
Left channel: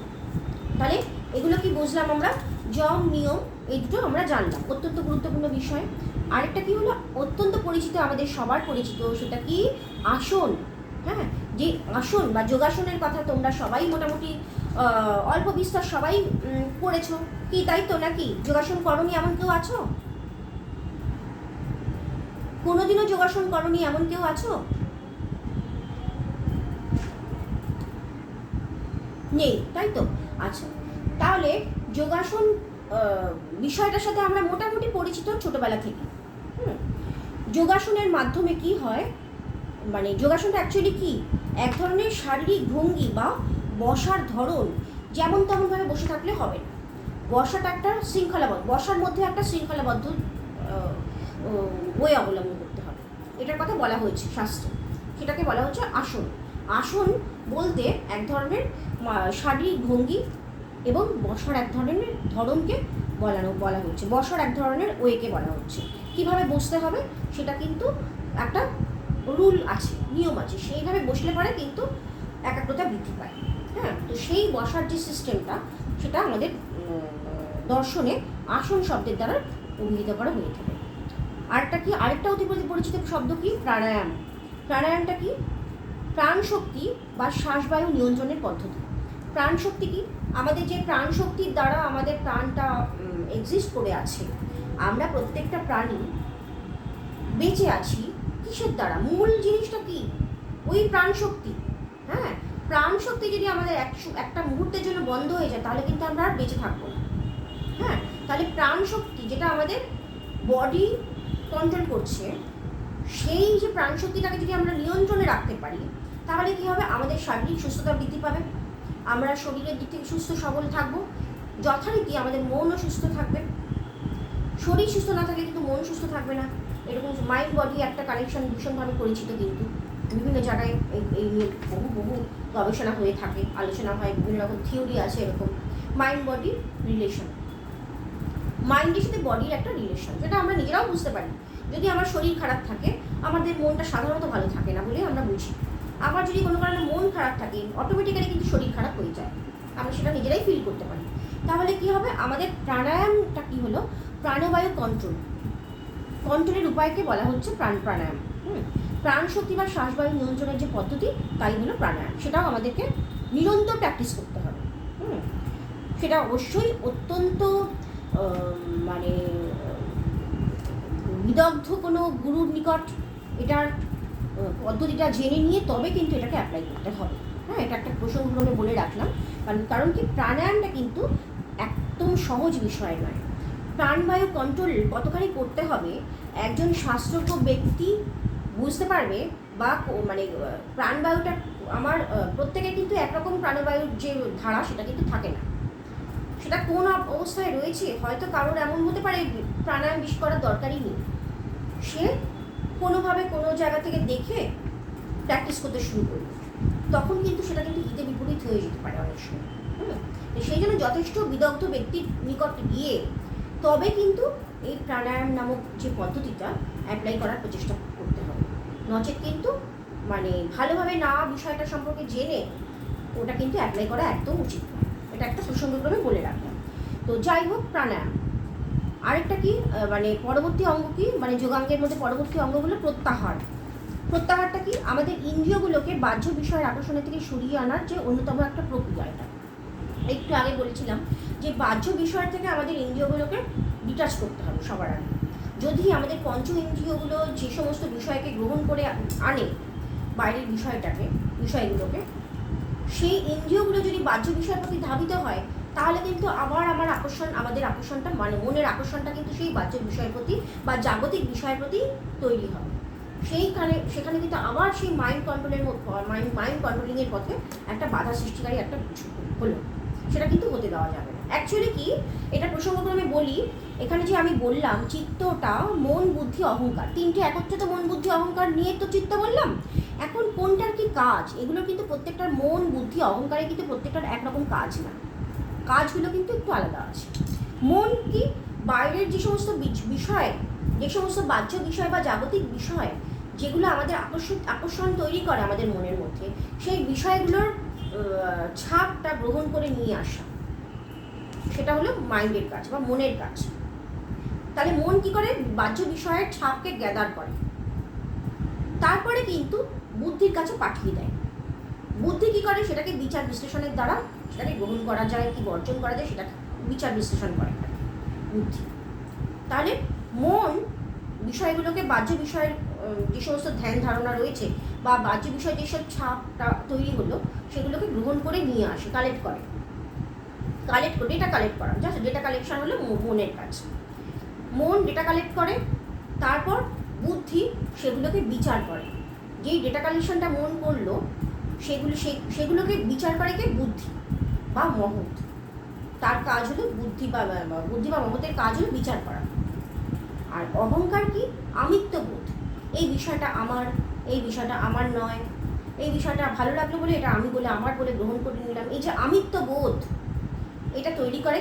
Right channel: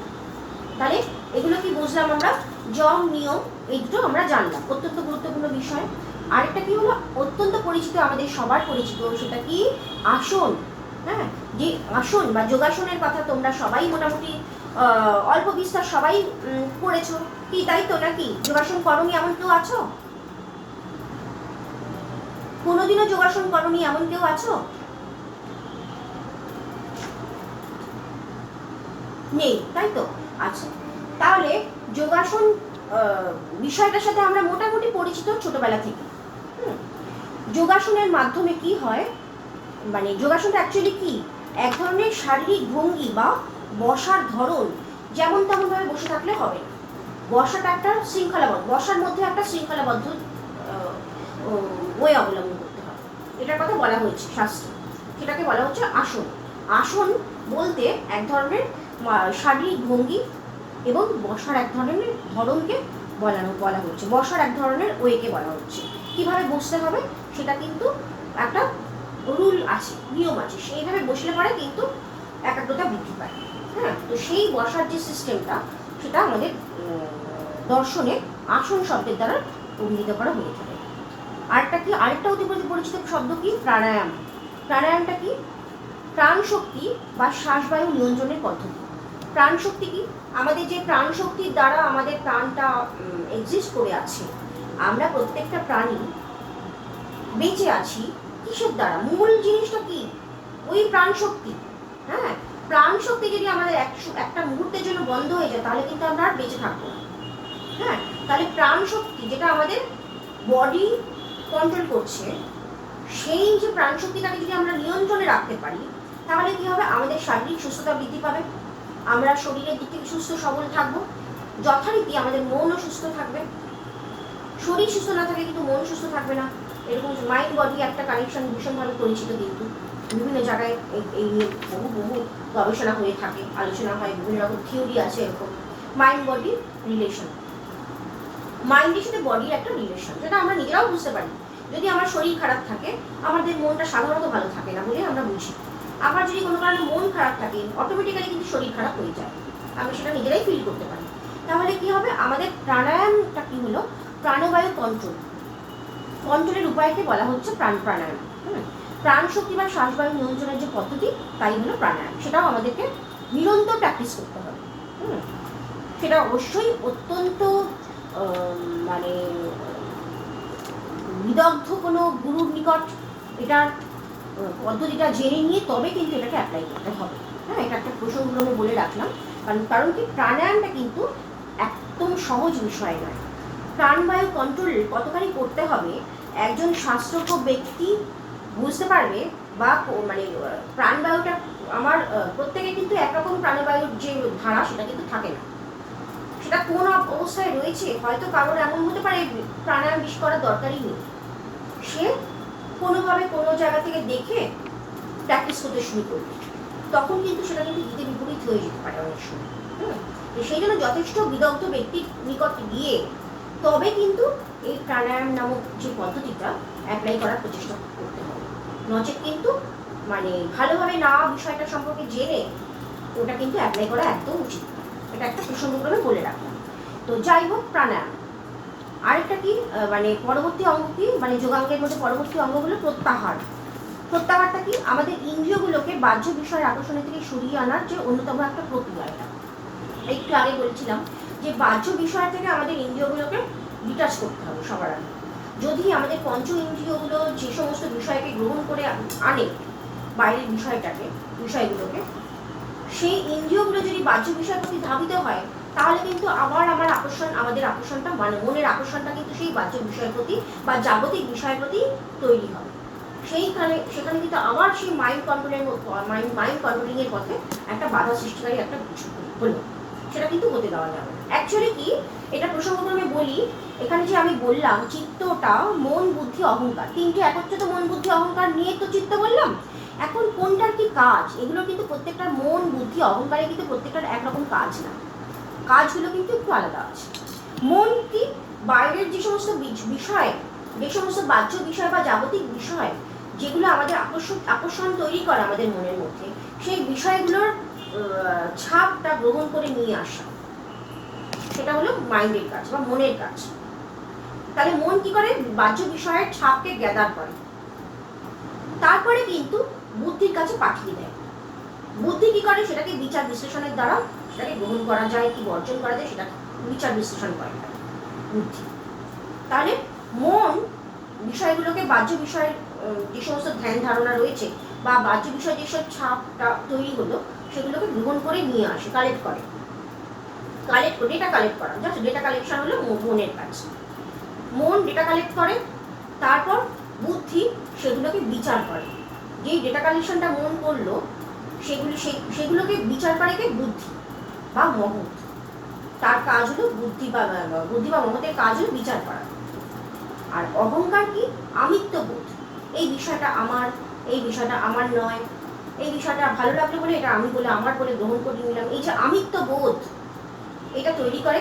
তাহলে এগুলো কি বুঝলাম আমরা? যম, নিয়ম, এই দুটো আমরা জানলাম, অত্যন্ত গুরুত্বপূর্ণ বিষয়। আরেকটা কি হলো, অত্যন্ত পরিচিত, আমাদের সবার পরিচিত, সেটা কি? আসন। হ্যাঁ, যে আসন বা যোগাসনের কথা তোমরা সবাই মোটামুটি অল্প বিস্তার সবাই করেছো কি, তাই তো নাকি? যোগাসন করনি এমন কেউ আছো? কোনোদিনও যোগাসন করনি এমন কেউ আছো? নেই, তাই তো? আচ্ছা, তাহলে যোগাসন বিষয়টার সাথে আমরা মোটামুটি পরিচিত ছোটবেলা থেকে। যোগাসনের মাধ্যমে কি হয়, মানে যোগাসনটা অ্যাকচুয়ালি কি? এক ধরনের শারীরিক ভঙ্গি বা বসার ধরন। যেমন তেমনভাবে বসে থাকলে হবে না, বসাটা একটা শৃঙ্খলাবদ্ধ, বসার মধ্যে একটা শৃঙ্খলাবদ্ধ ওয়ে অবলম্বন করতে হবে। এটার কথা বলা হয়েছে শাস্ত্রে, সেটাকে বলা হচ্ছে আসন। আসন বলতে এক ধরনের শারীরিক ভঙ্গি এবং বসার এক ধরনের ধরনকে বলা হচ্ছে, বসার এক ধরনের ওয়েকে বলা হচ্ছে। কিভাবে বসতে হবে সেটা কিন্তু একটা রুল আছে, নিয়ম আছে, সেইভাবে বসলে পরে কিন্তু একাগ্রতা বৃদ্ধি পায়। হ্যাঁ, তো সেই বসার যে সিস্টেমটা, সেটা আমাদের দর্শনে আসন শব্দের দ্বারা অভিহিত করা হয়ে থাকে। আরেকটা অতি পরিচিত শব্দ কি? প্রাণায়াম। প্রাণায়ামটা কি? প্রাণশক্তি বা শ্বাসবায়ু নিয়ন্ত্রণের পদ্ধতি। প্রাণশক্তি কি? আমাদের যে প্রাণশক্তির দ্বারা আমাদের প্রাণটা এক্সিস্ট করে আছে, আমরা প্রত্যেকটা প্রাণী বেঁচে আছি কিসের দ্বারা? মূল জিনিসটা কি? ওই প্রাণশক্তি। হ্যাঁ, প্রাণশক্তি যদি আমাদের একটা মুহূর্তের জন্য বন্ধ হয়ে যায়, তাহলে কিন্তু আমরা আর বেঁচে থাকবো না। হ্যাঁ, তাহলে প্রাণশক্তি যেটা আমাদের বডি কন্ট্রোল করছে, সেই যে প্রাণশক্তিটাকে যদি আমরা নিয়ন্ত্রণে রাখতে পারি, তাহলে কি হবে, আমাদের শারীরিক সুস্থতা বৃদ্ধি পাবে, আমরা শরীরের দিক থেকে সুস্থ সবল থাকবো, যথারীতি আমাদের মনও সুস্থ থাকবে। শরীর সুস্থ না থাকলে কিন্তু মন সুস্থ থাকবে না। এরকম মাইন্ড বডি একটা কানেকশন ভীষণভাবে পরিচিত, কিন্তু বিভিন্ন জায়গায় এই নিয়ে বহু বহু গবেষণা হয়ে থাকে, আলোচনা হয়, বিভিন্ন রকম থিওরি আছে এরকম। মাইন্ড বডির রিলেশন, মাইন্ডের সাথে বডির একটা রিলেশন, যেটা আমরা নিজেরাও বুঝতে পারি। যদি আমার শরীর খারাপ থাকে, আমাদের মনটা সাধারণত ভালো থাকে না বলে আমরা বুঝি। আবার যদি কোনো কারণে মন খারাপ থাকে, অটোমেটিক্যালি কিন্তু শরীর খারাপ হয়ে যায়, আমরা সেটা নিজেরাই ফিল করতে পারি। তাহলে কি হবে, আমাদের প্রাণায়ামটা কি হলো, প্রাণবায়ু কন্ট্রোলের উপায়কে বলা হচ্ছে প্রাণায়াম। প্রাণ শক্তি বা শ্বাসবায়ু নিয়ন্ত্রণের যে পদ্ধতি, তাই হলো প্রাণায়াম। সেটাও আমাদেরকে নিরন্তর প্র্যাকটিস করতে হবে। সেটা অবশ্যই অত্যন্ত মানে বিদগ্ধ কোনো গুরুর নিকট এটার পদ্ধতিটা জেনে নিয়ে তবে কিন্তু এটাকে অ্যাপ্লাই করতে হবে। হ্যাঁ, এটা একটা প্রসঙ্গক্রমে বলে রাখলাম, কারণ কি, প্রাণায়ামটা কিন্তু একদম সহজ বিষয় নয়। প্রাণবায়ু কন্ট্রোল কতখানি করতে হবে একজন শাস্ত্রজ্ঞ ব্যক্তি বুঝতে পারবে, বা মানে প্রাণবায়ুটা আমার প্রত্যেকে কিন্তু একরকম প্রাণবায়ুর যে ধারা সেটা কিন্তু থাকে না। সেটা কোন অবস্থায় রয়েছে, হয়তো কারোর এমন হতে পারে প্রাণায়াম বেশি করার দরকারই নেই, সে কোনোভাবে কোনো জায়গা থেকে দেখে প্র্যাকটিস করতে শুরু করবে, তখন কিন্তু সেটা কিন্তু হিতে বিপরীত হয়ে যেতে পারে অনেক সময়। সেই জন্য যথেষ্ট বিদগ্ধ ব্যক্তির নিকট গিয়ে তবে কিন্তু এই প্রাণায়াম নামক যে পদ্ধতিটা অ্যাপ্লাই করার প্রচেষ্টা করতে হবে। নচেত কিন্তু মানে ভালোভাবে না বিষয়টা সম্পর্কে জেনে ওটা কিন্তু অ্যাপ্লাই করা একদম উচিত না। এটা একটা প্রসঙ্গক্রমে বলে রাখলাম। তো যাই হোক, প্রাণায়াম আরেকটা কি, মানে পরবর্তী অঙ্গ কি, মানে যোগাঙ্গের মধ্যে পরবর্তী অঙ্গ হলো প্রত্যাহার। প্রত্যাহারটা কি, আমাদের ইন্দ্রিয়গুলোকে বাহ্য বিষয়ের আকর্ষণের থেকে সরিয়ে আনার যে অন্যতম একটা প্রক্রিয়া। এটা একটু আগে বলেছিলাম যে বাহ্য বিষয় থেকে আমাদের ইন্দ্রিয়গুলোকে ডিটাচ করতে হবে সবার আগে। যদি আমাদের পঞ্চ ইন্দ্রিয়গুলো যে সমস্ত বিষয়কে গ্রহণ করে আনে, বাইরের বিষয়গুলোকে, সেই ইন্দ্রিয়গুলো যদি বাহ্য বিষয়ের প্রতি ধাবিত হয়, তাহলে কিন্তু আবার আমাদের আকর্ষণটা, মানে মনের আকর্ষণটা কিন্তু সেই বাহ্য বিষয়ের প্রতি বা জাগতিক বিষয়ের প্রতি তৈরি হয়। সেখানে কিন্তু আবার সেই মাইন্ড কন্ট্রোলিংয়ের পথে একটা বাধা সৃষ্টিকারী একটা কিছু হলো, সেটা কিন্তু হতে দেওয়া যাবে না। অ্যাকচুয়ালি কি, এটা প্রসঙ্গক্রমে বলি, এখানে যে আমি বললাম চিত্তটা মন, বুদ্ধি, অহংকার, তিনটে একত্রিত মন, বুদ্ধি, অহংকার নিয়ে তো চিত্ত বললাম। এখন কোনটার কি কাজ, এগুলো কিন্তু প্রত্যেকটার মন, বুদ্ধি, অহংকারে কিন্তু প্রত্যেকটার একরকম কাজ না, কাজগুলো কিন্তু একটু আলাদা আছে। মন কি, বাইরের যে সমস্ত বিষয়, যে সমস্ত বাহ্য বিষয় বা জাগতিক বিষয় যেগুলো আমাদের আকর্ষণ তৈরি করে আমাদের মনের মধ্যে, সেই বিষয়গুলোর ছাপটা গ্রহণ করে নিয়ে আসা, সেটা হলো মাইন্ডের কাজ বা মনের কাজ। তাহলে মন কি করে, বাহ্য বিষয়ের ছাপকে গ্যাদার করে, তারপরে কিন্তু বুদ্ধির কাছে পাঠিয়ে দেয়। বুদ্ধি কি করে, সেটাকে বিচার বিশ্লেষণের দ্বারা সেটাকে গ্রহণ করা যায় কি বর্জন করা যায়, সেটা বিচার বিশ্লেষণ করে বুদ্ধি। তাহলে মন বিষয়গুলোকে, বাহ্য বিষয়ের যে সমস্ত ধ্যান ধারণা রয়েছে বা বাহ্য বিষয় যেসব ছাপটা তৈরি হলো, সেগুলোকে গ্রহণ করে নিয়ে আসে, কালেক্ট করে, ডেটা কালেক্ট করা, জাস্ট ডেটা কালেকশন হলো মনের কাজ। মন ডেটা কালেক্ট করে, তারপর বুদ্ধি সেগুলোকে বিচার করে। যেই ডেটা কালেকশনটা মন করলো, সেগুলোকে বিচার করে কে, বুদ্ধি বা মহৎ। তার কাজ হলো বুদ্ধি বা মহতের কাজ হলো বিচার করা। আর অহংকার কি, আমিত্ববোধ, এই বিষয়টা আমার নয়, এই বিষয়টা ভালো লাগলো বলে এটা আমি বলে, আমার বলে গ্রহণ করে নিলাম, এই যে আমিত্ববোধ, এটা তৈরি করে,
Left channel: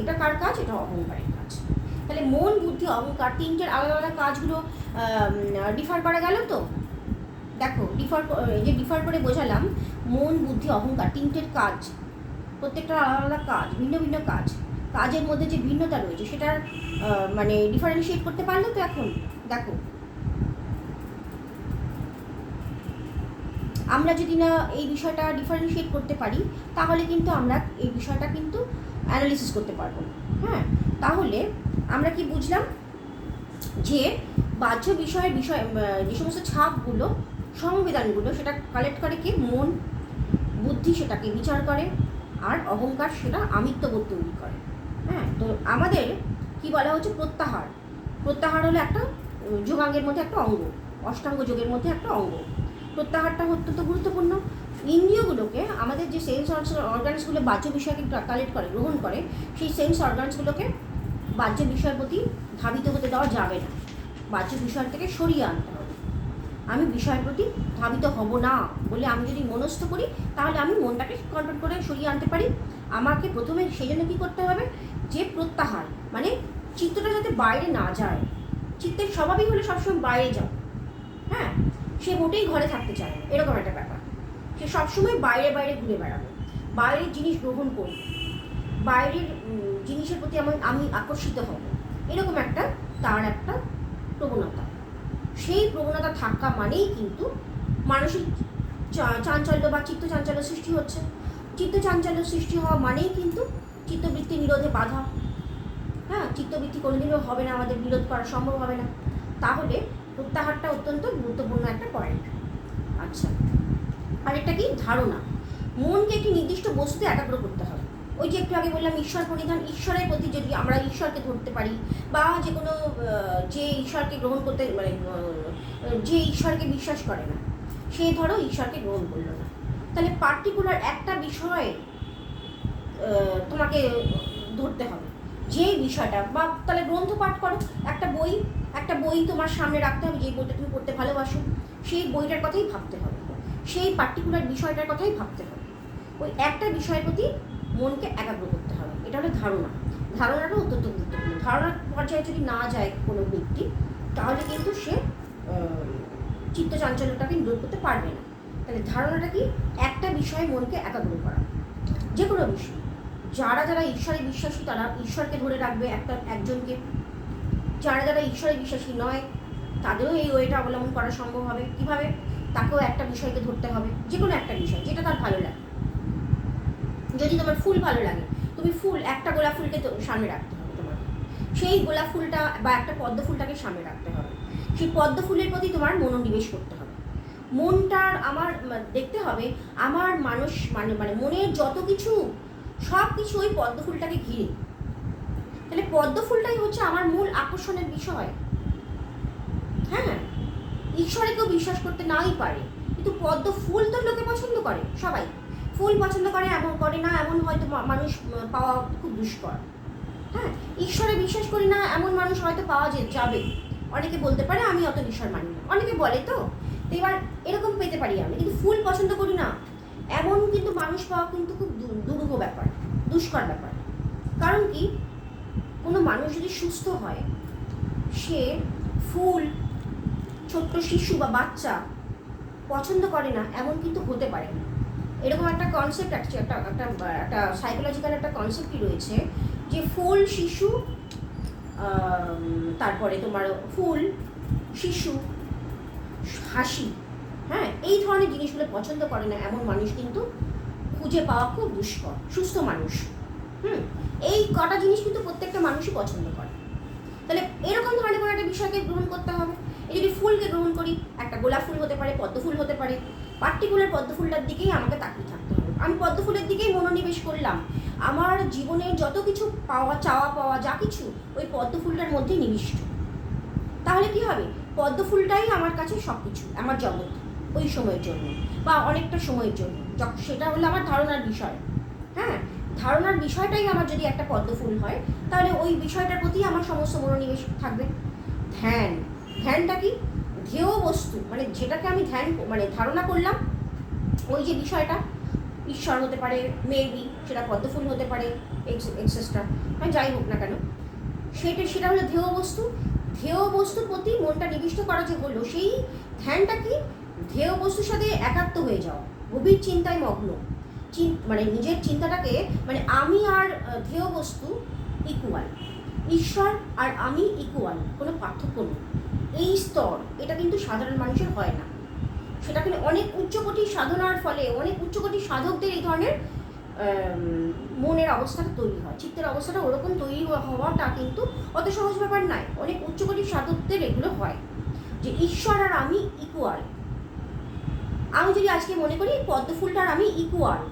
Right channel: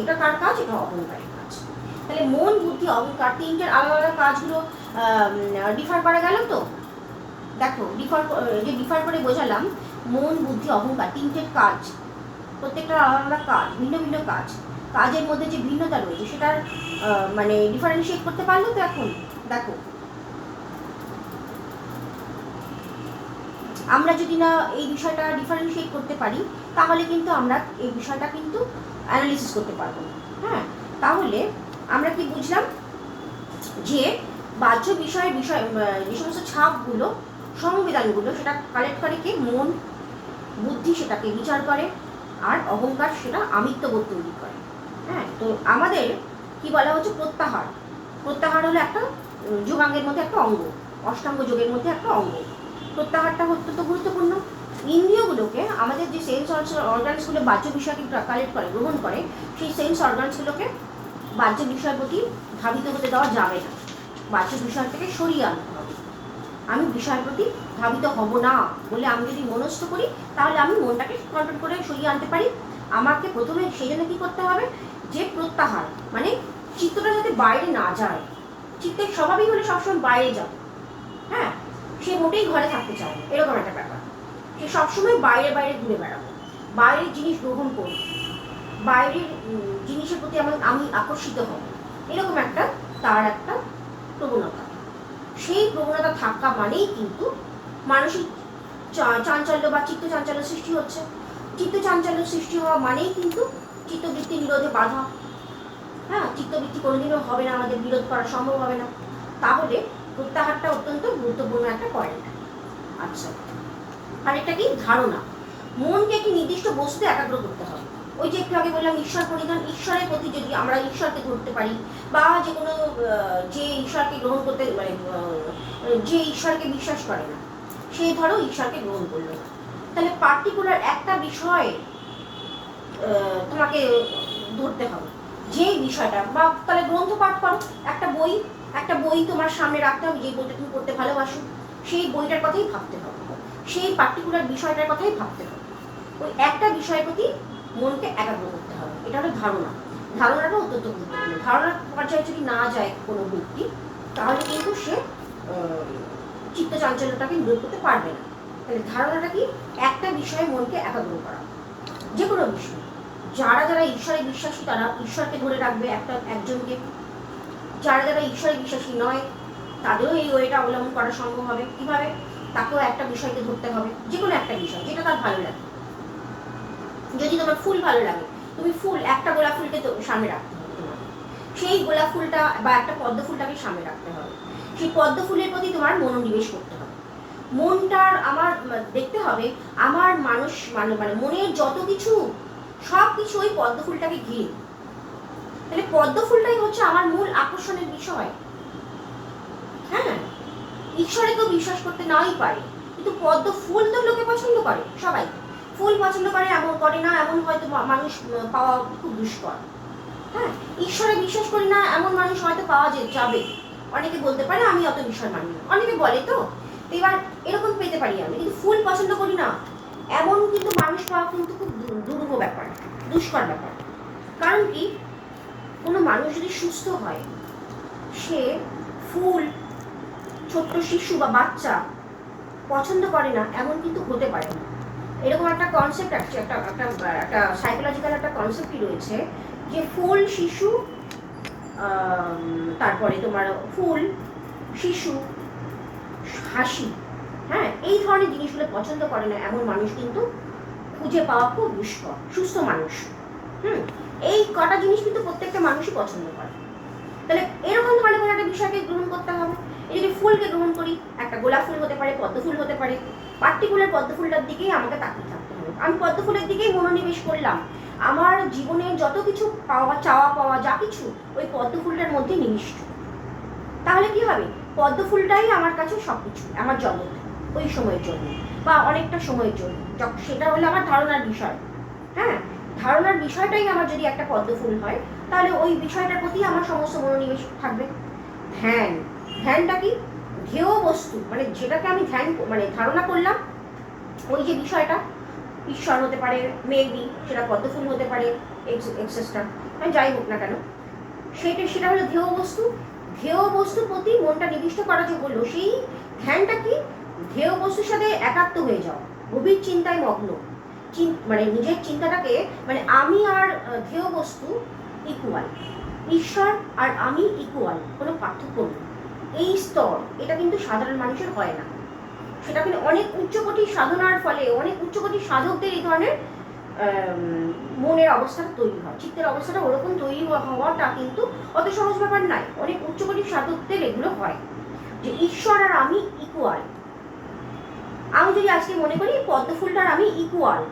এটা কার কাজ, এটা অহংকারের কাজ। তাহলে মন, বুদ্ধি, অহংকার তিনটের আলাদা আলাদা কাজগুলো ডিফার করা গেল। তো দেখো, ডিফার করে বোঝালাম, মন, বুদ্ধি, অহংকার তিনটের কাজ, প্রত্যেকটা আলাদা আলাদা কাজ, ভিন্ন ভিন্ন কাজ, কাজের মধ্যে যে ভিন্নতা রয়েছে সেটার মানে ডিফারেন্সিয়েট করতে পারলো তো। এখন দেখো, আমরা যদি না এই বিষয়টা ডিফারেন্সিয়েট করতে পারি, তাহলে কিন্তু আমরা এই বিষয়টা কিন্তু অ্যানালিসিস করতে পারবো না। হ্যাঁ, তাহলে আমরা কি বুঝলাম, যে বাহ্য বিষয় যে সমস্ত ছাপগুলো, সংবেদনগুলো, সেটা কালেক্ট করে কে, মন, বুদ্ধি সেটাকে বিচার করে, আর অহংকার সেটা আমিত্ববোধ তৈরি করে। হ্যাঁ, তো আমাদের কি বলা হচ্ছে, প্রত্যাহার হলো একটা যোগাঙ্গের মধ্যে একটা অঙ্গ, অষ্টাঙ্গ যোগের মধ্যে একটা অঙ্গ। প্রত্যাহারটা অত্যন্ত গুরুত্বপূর্ণ। ইন্দ্রিয়গুলোকে, আমাদের যে সেন্স অর্গানসগুলো বাহ্য বিষয়কে কালেক্ট করে, গ্রহণ করে, সেই সেন্স অর্গানসগুলোকে বাহ্য বিষয়ের প্রতি ধাবিত হতে দেওয়া যাবে না, বাহ্য বিষয় থেকে সরিয়ে আনতে হবে। আমি বিষয়ের প্রতি ধাবিত হব না বলে আমি যদি মনস্থ করি, তাহলে আমি মনটাকে কন্ট্রোল করে সরিয়ে আনতে পারি। আমাকে প্রথমে সেই জন্য কী করতে হবে, যে প্রত্যাহার, মানে চিত্তটা যাতে বাইরে না যায়। চিত্তের স্বভাবই হলে সবসময় বাইরে যাও, হ্যাঁ, সে মোটেই ঘরে থাকতে চায় না, এরকম একটা ব্যাপার। সে সবসময় বাইরে বাইরে ঘুরে বেড়াবো, বাইরের জিনিস গ্রহণ করব, বাইরের জিনিসের প্রতি আমি আকর্ষিত হব, এরকম একটা তার একটা প্রবণতা। সেই প্রবণতা থাকা মানেই কিন্তু মানসিক চাঞ্চল্য বা চিত্ত চাঞ্চল্য সৃষ্টি হচ্ছে। চিত্ত চাঞ্চল্য সৃষ্টি হওয়া মানেই কিন্তু চিত্তবৃত্তি নিরোধে বাধা। হ্যাঁ, চিত্তবৃত্তি কোনোদিনও হবে না, আমাদের বিরোধ করা সম্ভব হবে না। তাহলে প্রত্যাহারটা অত্যন্ত গুরুত্বপূর্ণ একটা পয়েন্ট। আচ্ছা, আরেকটা কি, ধারণা। মনকে একটি নির্দিষ্ট বস্তুতে একাগ্র করতে হবে। ওই যে একটু আগে বললাম ঈশ্বর পরিধান, ঈশ্বরের প্রতি যদি আমরা ঈশ্বরকে ধরতে পারি, বা যে কোনো যে ঈশ্বরকে গ্রহণ করতে, মানে যে ঈশ্বরকে বিশ্বাস করে না, সে ধরো ঈশ্বরকে গ্রহণ করলো না, তাহলে পার্টিকুলার একটা বিষয় তোমাকে ধরতে হবে, যেই বিষয়টা, বা তাহলে গ্রন্থ পাঠ করো, একটা বই তোমার সামনে রাখতে হবে, যে বইটা তুমি পড়তে ভালোবাসো, সেই বইটার কথাই ভাবতে হবে, সেই পার্টিকুলার বিষয়টার কথাই ভাবতে হবে। ওই একটা বিষয়ের প্রতি মনকে একাগ্র করতে হবে, এটা হলো ধারণা। ধারণাটা অত্যন্ত গুরুত্বপূর্ণ। ধারণার পর্যায়ে যদি না যায় কোনো ব্যক্তি, তাহলে কিন্তু সে চিত্ত চাঞ্চল্যটাকে নিরোধ করতে পারবে না। তাহলে ধারণাটা কি, একটা বিষয়ে মনকে একাগ্র করা, যে কোনো বিষয়। যারা যারা ঈশ্বরে বিশ্বাসী, তারা ঈশ্বরকে ধরে রাখবে একজনকে। যারা যারা ঈশ্বরে বিশ্বাসী নয়, তাদেরও এই ওয়েটা অবলম্বন করা সম্ভব হবে। কীভাবে, তাকেও একটা বিষয়কে ধরতে হবে, যে কোনো একটা বিষয় যেটা তার ভালো লাগে। যদি তোমার ফুল ভালো লাগে, তুমি একটা গোলাপ ফুলকে তো সামনে রাখতে হবে তোমার, সেই গোলাপ ফুলটা বা একটা পদ্ম ফুলটাকে সামনে রাখতে হবে। সেই পদ্ম ফুলের প্রতি তোমার মনোনিবেশ করতে হবে। মনটার আমার দেখতে হবে আমার মানে মনের যত কিছু, সব কিছু ওই পদ্ম ফুলটাকে ঘিরে। তাহলে পদ্ম ফুলটাই হচ্ছে আমার মূল আকর্ষণের বিষয়। হ্যাঁ, ঈশ্বরে কেউ বিশ্বাস করতে নাই পারে, কিন্তু পদ্ম ফুল তো লোকে পছন্দ করে, সবাই ফুল পছন্দ করে, এমন করে না এমন হয়তো মানুষ পাওয়া খুব দুষ্কর। হ্যাঁ, ঈশ্বরে বিশ্বাস করি না এমন মানুষ হয়তো পাওয়া যাবে। অনেকে বলতে পারে আমি অত বিষয় মানি না, অনেকে বলে তো এবার এরকম পেতে পারি আমি, কিন্তু ফুল পছন্দ করি না এমন কিন্তু মানুষ পাওয়া কিন্তু খুব দুরূহ ব্যাপার, দুষ্কর ব্যাপার। কারণ কি, কোনো মানুষ যদি সুস্থ হয়, সে ফুল, ছোট্ট শিশু বা বাচ্চা পছন্দ করে না এমন কিন্তু হতে পারে না। এরকম একটা কনসেপ্ট আছে, একটা সাইকোলজিক্যাল একটা কনসেপ্টই রয়েছে, যে ফুল, শিশু, তারপরে তোমার ফুল, শিশু, হাসি, হ্যাঁ, এই ধরনের জিনিসগুলো পছন্দ করে না এমন মানুষ কিন্তু খুঁজে পাওয়া খুব দুষ্কর, সুস্থ মানুষ। এই কটা জিনিস কিন্তু প্রত্যেকটা মানুষই পছন্দ করে। তাহলে এরকম ধরনের কোনো একটা বিষয়কে গ্রহণ করতে হবে। এই যদি ফুলকে গ্রহণ করি, একটা গোলাপ ফুল হতে পারে, পদ্ম ফুল হতে পারে, পার্টিকুলার পদ্ম ফুলটার দিকেই আমাকে তাকিয়ে থাকতে হবে। আমি পদ্ম ফুলের দিকেই মনোনিবেশ করলাম, আমার জীবনে যত কিছু চাওয়া পাওয়া যা কিছু ওই পদ্ম ফুলটার মধ্যে নিবিষ্ট। তাহলে কি হবে, পদ্ম ফুলটাই আমার কাছে সব কিছু, আমার জগৎ ওই সময়ের জন্য বা অনেকটা সময়ের জন্য। সেটা হলো আমার ধারণার বিষয়। হ্যাঁ, ধারণার বিষয়টাই আমার যদি একটা পদ্ম ফুল হয়, তাহলে ওই বিষয়টার প্রতি আমার সমস্ত মনোনিবেশ থাকবে। ধ্যানটা কি, ধ্যেয় বস্তু, মানে যেটাকে আমি ধারণা করলাম, ওই যে বিষয়টা ঈশ্বর হতে পারে, মেবি সেটা পদ্ম ফুল হতে পারে, এক্সেসটা, হ্যাঁ, যাই হোক না কেন, সেটা হলো ধ্যেয় বস্তু। ধ্যেয় বস্তুর প্রতি মনটা নিবিষ্ট করা যে হলো, সেই ধ্যানটা কি, ধ্যেয় বস্তুর সাথে একাত্ম হয়ে যাওয়া, গভীর চিন্তায় মগ্ন, মানে নিজের চিন্তাটাকে, মানে আমি আর ধ্যেয় বস্তু ইকুয়াল, ঈশ্বর আর আমি ইকুয়াল, কোনো পার্থক্য নেই। এই স্তর, এটা কিন্তু সাধারণ মানুষের হয় না। সেটা কিন্তু অনেক উচ্চকোটির সাধনার ফলে, অনেক উচ্চকোটির সাধকদের এই ধরনের মনের অবস্থাটা তৈরি হয়। চিত্তের অবস্থাটা ওরকম তৈরি হওয়াটা কিন্তু অত সহজ ব্যাপার নয়। অনেক উচ্চকোটির সাধকদের এগুলো হয়, যে ঈশ্বর আর আমি ইকুয়াল। আমি যদি আজকে মনে করি পদ্ম ফুলটার আমি ইকুয়াল,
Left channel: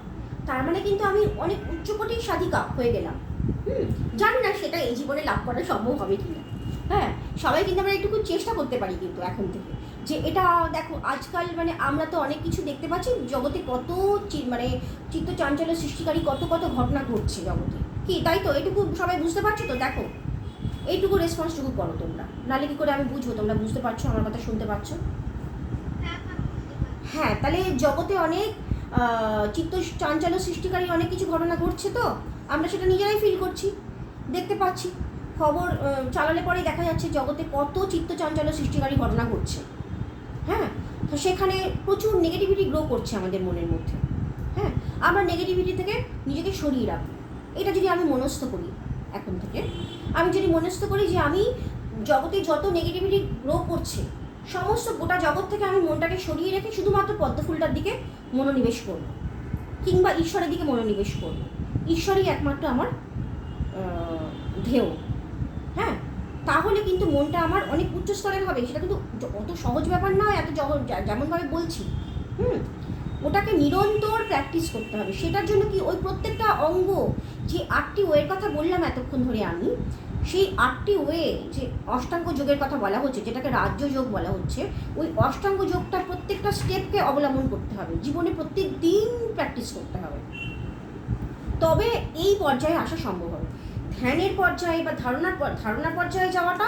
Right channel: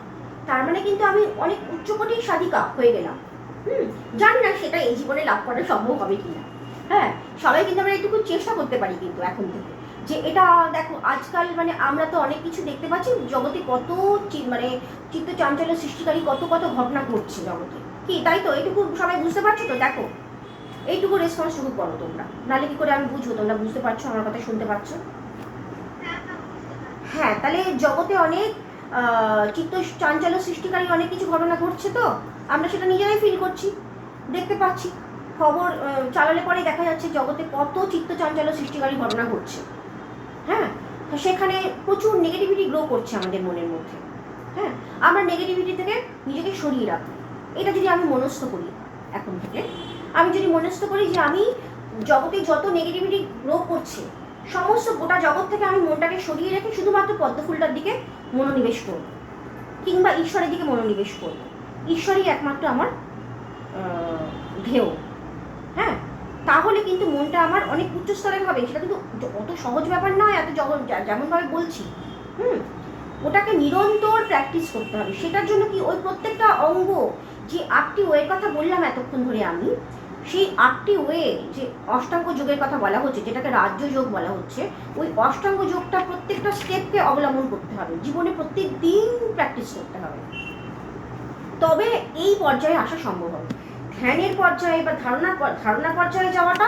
তার মানে কিন্তু আমি অনেক উচ্চকোটির সাধিকা হয়ে গেলাম। জানি না সেটা এই জীবনে লাভ করা সম্ভব হবে কিনা। হ্যাঁ, সবাই কিন্তু আমরা একটু চেষ্টা করতে পারি কিন্তু এখন থেকে, যে এটা দেখো আজকাল মানে আমরা তো অনেক কিছু দেখতে পাচ্ছি জগতে, কত মানে চিত্ত চাঞ্চল্য সৃষ্টিকারী কত কত ঘটনা ঘটছে জগতে, কি তাই তো? এটুকু সবাই বুঝতে পারছো তো? দেখো এইটুকু রেসপন্সটুকু করো তোমরা, নাহলে কি করে আমি বুঝবো তোমরা বুঝতে পারছো, আমার কথা শুনতে পাচ্ছ? হ্যাঁ, তাহলে জগতে অনেক চিত্ত চাঞ্চল্য সৃষ্টিকারী অনেক কিছু ঘটনা ঘটছে, তো আমরা সেটা নিজেরাই ফিল করছি, দেখতে পাচ্ছি, খবর চালালে পরেই দেখা যাচ্ছে জগতে কত চিত্ত চাঞ্চল্য সৃষ্টিকারী ঘটনা ঘটছে। হ্যাঁ, তো সেখানে প্রচুর নেগেটিভিটি গ্রো করছে আমাদের মনের মধ্যে। হ্যাঁ, আমরা নেগেটিভিটি থেকে নিজেকে সরিয়ে রাখবো, এটা যদি আমি মনস্থ করি এখন থেকে, আমি যদি মনস্থ করি যে আমি জগতে যত নেগেটিভিটি গ্রো করছে সমস্ত গোটা জগৎ থেকে আমি মনটাকে সরিয়ে রেখে শুধুমাত্র পদ্মফুলটার দিকে মনোনিবেশ করব, কিংবা ঈশ্বরের দিকে মনোনিবেশ করব, ঈশ্বরই একমাত্র আমার ধ্যেয়। হ্যাঁ, তাহলে কিন্তু মনটা আমার অনেক উচ্চ স্তরের হবে, সেটা কিন্তু অত সহজ ব্যাপার নয়, এত যেমনভাবে বলছি। ওটাকে নিরন্তর প্র্যাকটিস করতে হবে। সেটার জন্য কি ওই প্রত্যেকটা অঙ্গ, যে 8টি ওয়ের কথা বললাম এতক্ষণ ধরে আমি, সেই 8টি ওয়ে যে অষ্টাঙ্গ যোগের কথা বলা হচ্ছে, যেটাকে রাজ্য যোগ বলা হচ্ছে, ওই অষ্টাঙ্গ যোগটা প্রত্যেকটা স্টেপকে অবলম্বন করতে হবে, জীবনে প্রত্যেক দিন প্র্যাকটিস করতে হবে, তবে এই পর্যায়ে আসা সম্ভব হবে। ধ্যানের পর্যায়ে বা ধারণার পর্যায়ে যাওয়াটা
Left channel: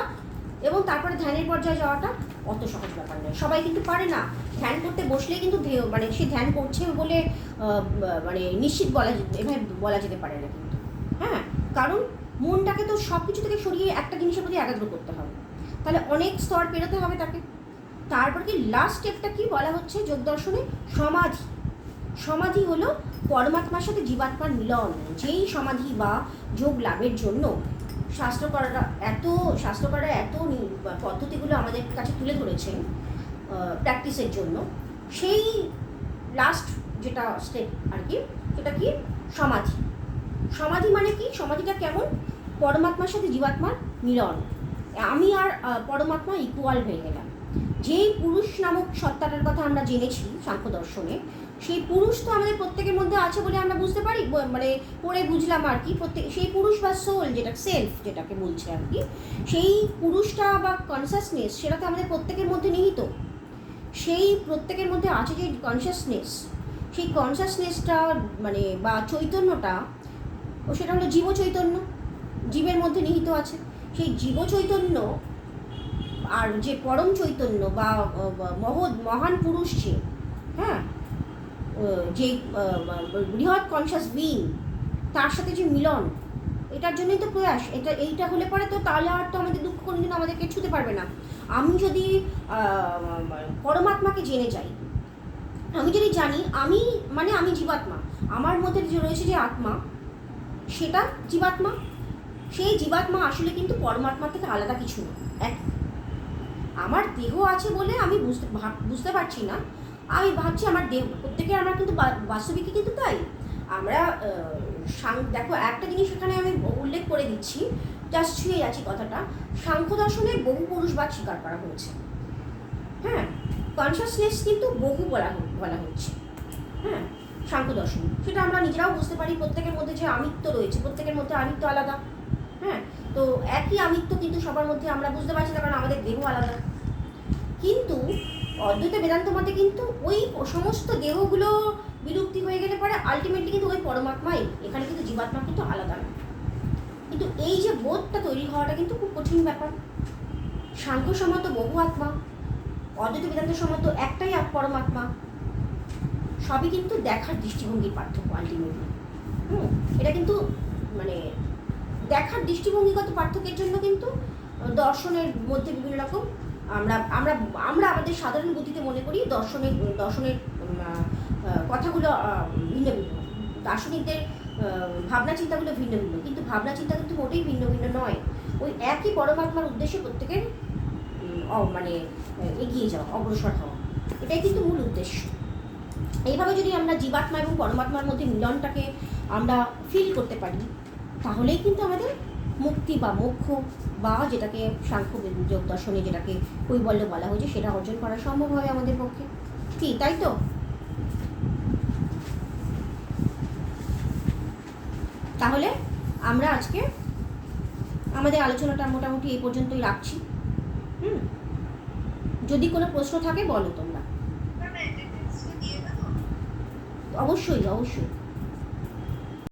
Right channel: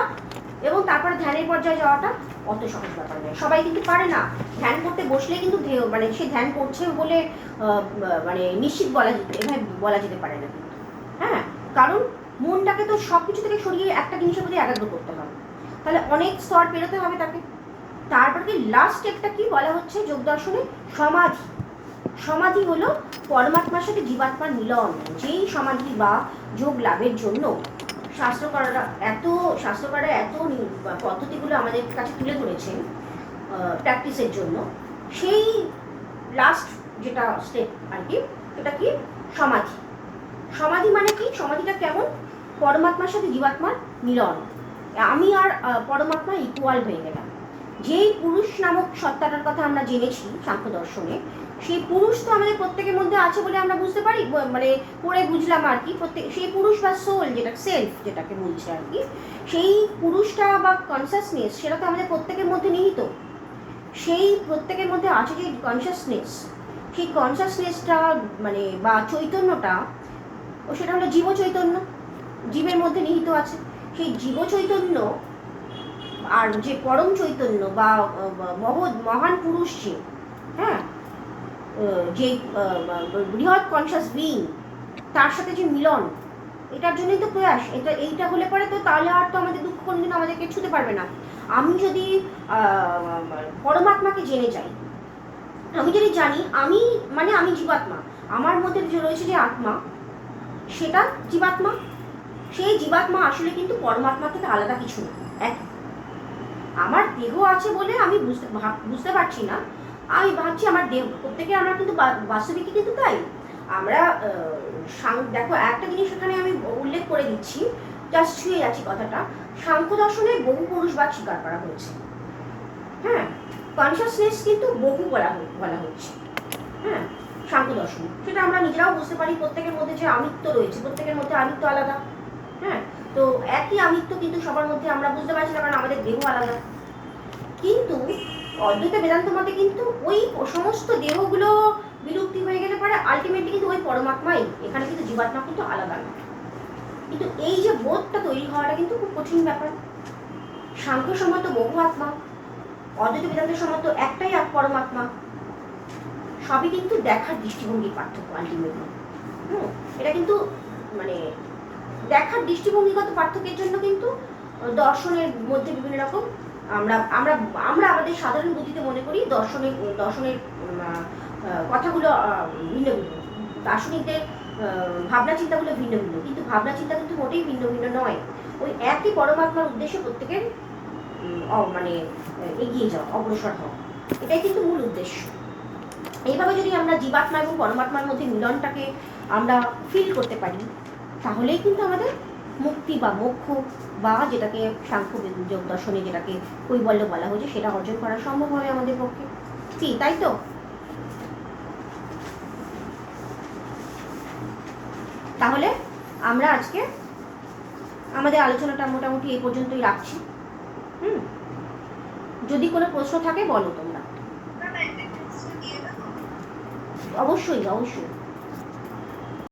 এবং তারপরে ধ্যানের পর্যায়ে যাওয়াটা অত সহজ ব্যাপার নয়, সবাই কিন্তু পারে না। ধ্যান করতে বসলেই কিন্তু মানে সে ধ্যান করছে বলে মানে নিশ্চিত এভাবে বলা যেতে পারে না কিন্তু। হ্যাঁ, কারণ মনটাকে তো সব কিছু থেকে সরিয়ে একটা জিনিসের প্রতি একাগ্র করতে হবে, তাহলে অনেক স্তর পেরোতে হবে তাকে। তারপর কি লাস্ট স্টেপটা কি বলা হচ্ছে যোগ দর্শনে? সমাধি। সমাধি হলো পরমাত্মার সাথে জীবাত্মার মিলন। যেই সমাধি বা যোগ লাভের জন্য শাস্ত্রকাররা এত পদ্ধতিগুলো আমাদের কাছে তুলে ধরেছেন প্র্যাকটিসের জন্য, সেই লাস্ট যেটা স্টেপ আর কি, সেটা কি? সমাধি। সমাধি মানে কি? সমাধিটা কেমন? পরমাত্মার সাথে জীবাত্মার মিলন, আমি আর পরমাত্মা ইকুয়াল হয়ে গেলাম। যেই পুরুষ নামক সত্তাটার কথা আমরা জেনেছি সাংখ্য দর্শনে, সেই পুরুষ তো আমাদের প্রত্যেকের মধ্যে আছে বলে আমরা বুঝতে পারি, মানে পড়ে বুঝলাম আর কি। সেই পুরুষ বা সোল, যেটা সেলফ যেটাকে বলছে আর কি, সেই পুরুষটা বা কনসাসনেস, সেটা তো আমাদের প্রত্যেকের মধ্যে নিহিত। সেই প্রত্যেকের মধ্যে আছে যে কনসাসনেস, সেই কনসাসনেসটা মানে বা চৈতন্যটা, সেটা হলো জীব চৈতন্য, জীবের মধ্যে নিহিত আছে। সেই জীব চৈতন্য আর যে পরম চৈতন্য বা মহান পুরুষ, যে হ্যাঁ যে বৃহৎ কনসাস বিইং, তার সাথে যে মিলন, এটার জন্যই তো প্রয়াস। এইটা হলে পরে তো তাহলে আর তো আমাদের দুঃখ কোনোদিন আমাদেরকে ছুতে পারবে না। আমি যদি পরমাত্মাকে জেনে যাই, আমি যদি জানি আমি জীবাত্মা, আমার মধ্যে যে রয়েছে যে আত্মা, সেটা জীবাত্মা, সেই জীবাত্মা আসলে কিন্তু পরমাত্মা থেকে আলাদা কিছু না। আমার দেহ আছে বলে আমি বুঝতে পারছি না, আমি ভাবছি আমার দেহ, আমরা কিন্তু বাস্তবিকই কিন্তু তাই। আমরা দেখো একটা জিনিস এখানে আমি উল্লেখ করে দিচ্ছি, জাস্ট ছুঁয়ে যাচ্ছি কথাটা। সাংখ্য দর্শনে বহু পুরুষবাদ স্বীকার করা হয়েছে। হ্যাঁ, কনসাসনেস কিন্তু বহু বলা হচ্ছে। হ্যাঁ, সাংখ্য দর্শনে সেটা আমরা নিজেরাও বুঝতে পারি, প্রত্যেকের মধ্যে যে আমিত্ব রয়েছে, প্রত্যেকের মধ্যে আমিত্ব আলাদা। হ্যাঁ, তো একই আমিত্ব কিন্তু সবার মধ্যে আমরা বুঝতে পারছি না, কারণ আমাদের দেহ আলাদা। কিন্তু অদ্বৈত বেদান্ত মতে কিন্তু ওই সমস্ত দেহগুলো বিলুপ্তি হয়ে গেলে পরে আলটিমেটলি কিন্তু ওই পরমাত্মাই, এখানে কিন্তু জীবাত্মা কিন্তু আলাদা না। কিন্তু এই যে বোধটা তৈরি হওয়াটা কিন্তু খুব কঠিন ব্যাপার। সাংখ্য সম্মত বহু আত্মা, অদ্বৈত বেদান্ত সম্মত একটাই পরমাত্মা, সবই কিন্তু দেখার দৃষ্টিভঙ্গির পার্থক্য আলটিমেটলি। এটা কিন্তু মানে দেখার দৃষ্টিভঙ্গিগত পার্থক্যের জন্য কিন্তু দর্শনের মধ্যে বিভিন্ন রকম আমরা আমরা আমরা আমাদের সাধারণ বুদ্ধিতে মনে করি দর্শনের কথাগুলো ভিন্ন ভিন্ন, দার্শনিকদের ভাবনা চিন্তাগুলো ভিন্ন ভিন্ন, কিন্তু ভাবনা চিন্তা কিন্তু মোটেই ভিন্ন ভিন্ন নয়। ওই একই পরমাত্মার উদ্দেশ্যে প্রত্যেকের মানে এগিয়ে যাওয়া, অগ্রসর হওয়া, এটাই কিন্তু মূল উদ্দেশ্য। এইভাবে যদি আমরা জীবাত্মা এবং পরমাত্মার মধ্যে মিলনটাকে আমরা ফিল করতে পারি, তাহলেই কিন্তু আমাদের মুক্তি বা মোক্ষ বা যেটাকে সাংখ্য যোগ দর্শনে যেটাকে কৈবল্য বলা হয়েছে, সেটা অর্জন করা সম্ভব হবে আমাদের পক্ষে। কি তাই তো? তাহলে আমরা আজকে আমাদের আলোচনাটা মোটামুটি এই পর্যন্তই রাখছি। যদি কোনো প্রশ্ন থাকে বলো তোমরা। অবশ্যই অবশ্যই।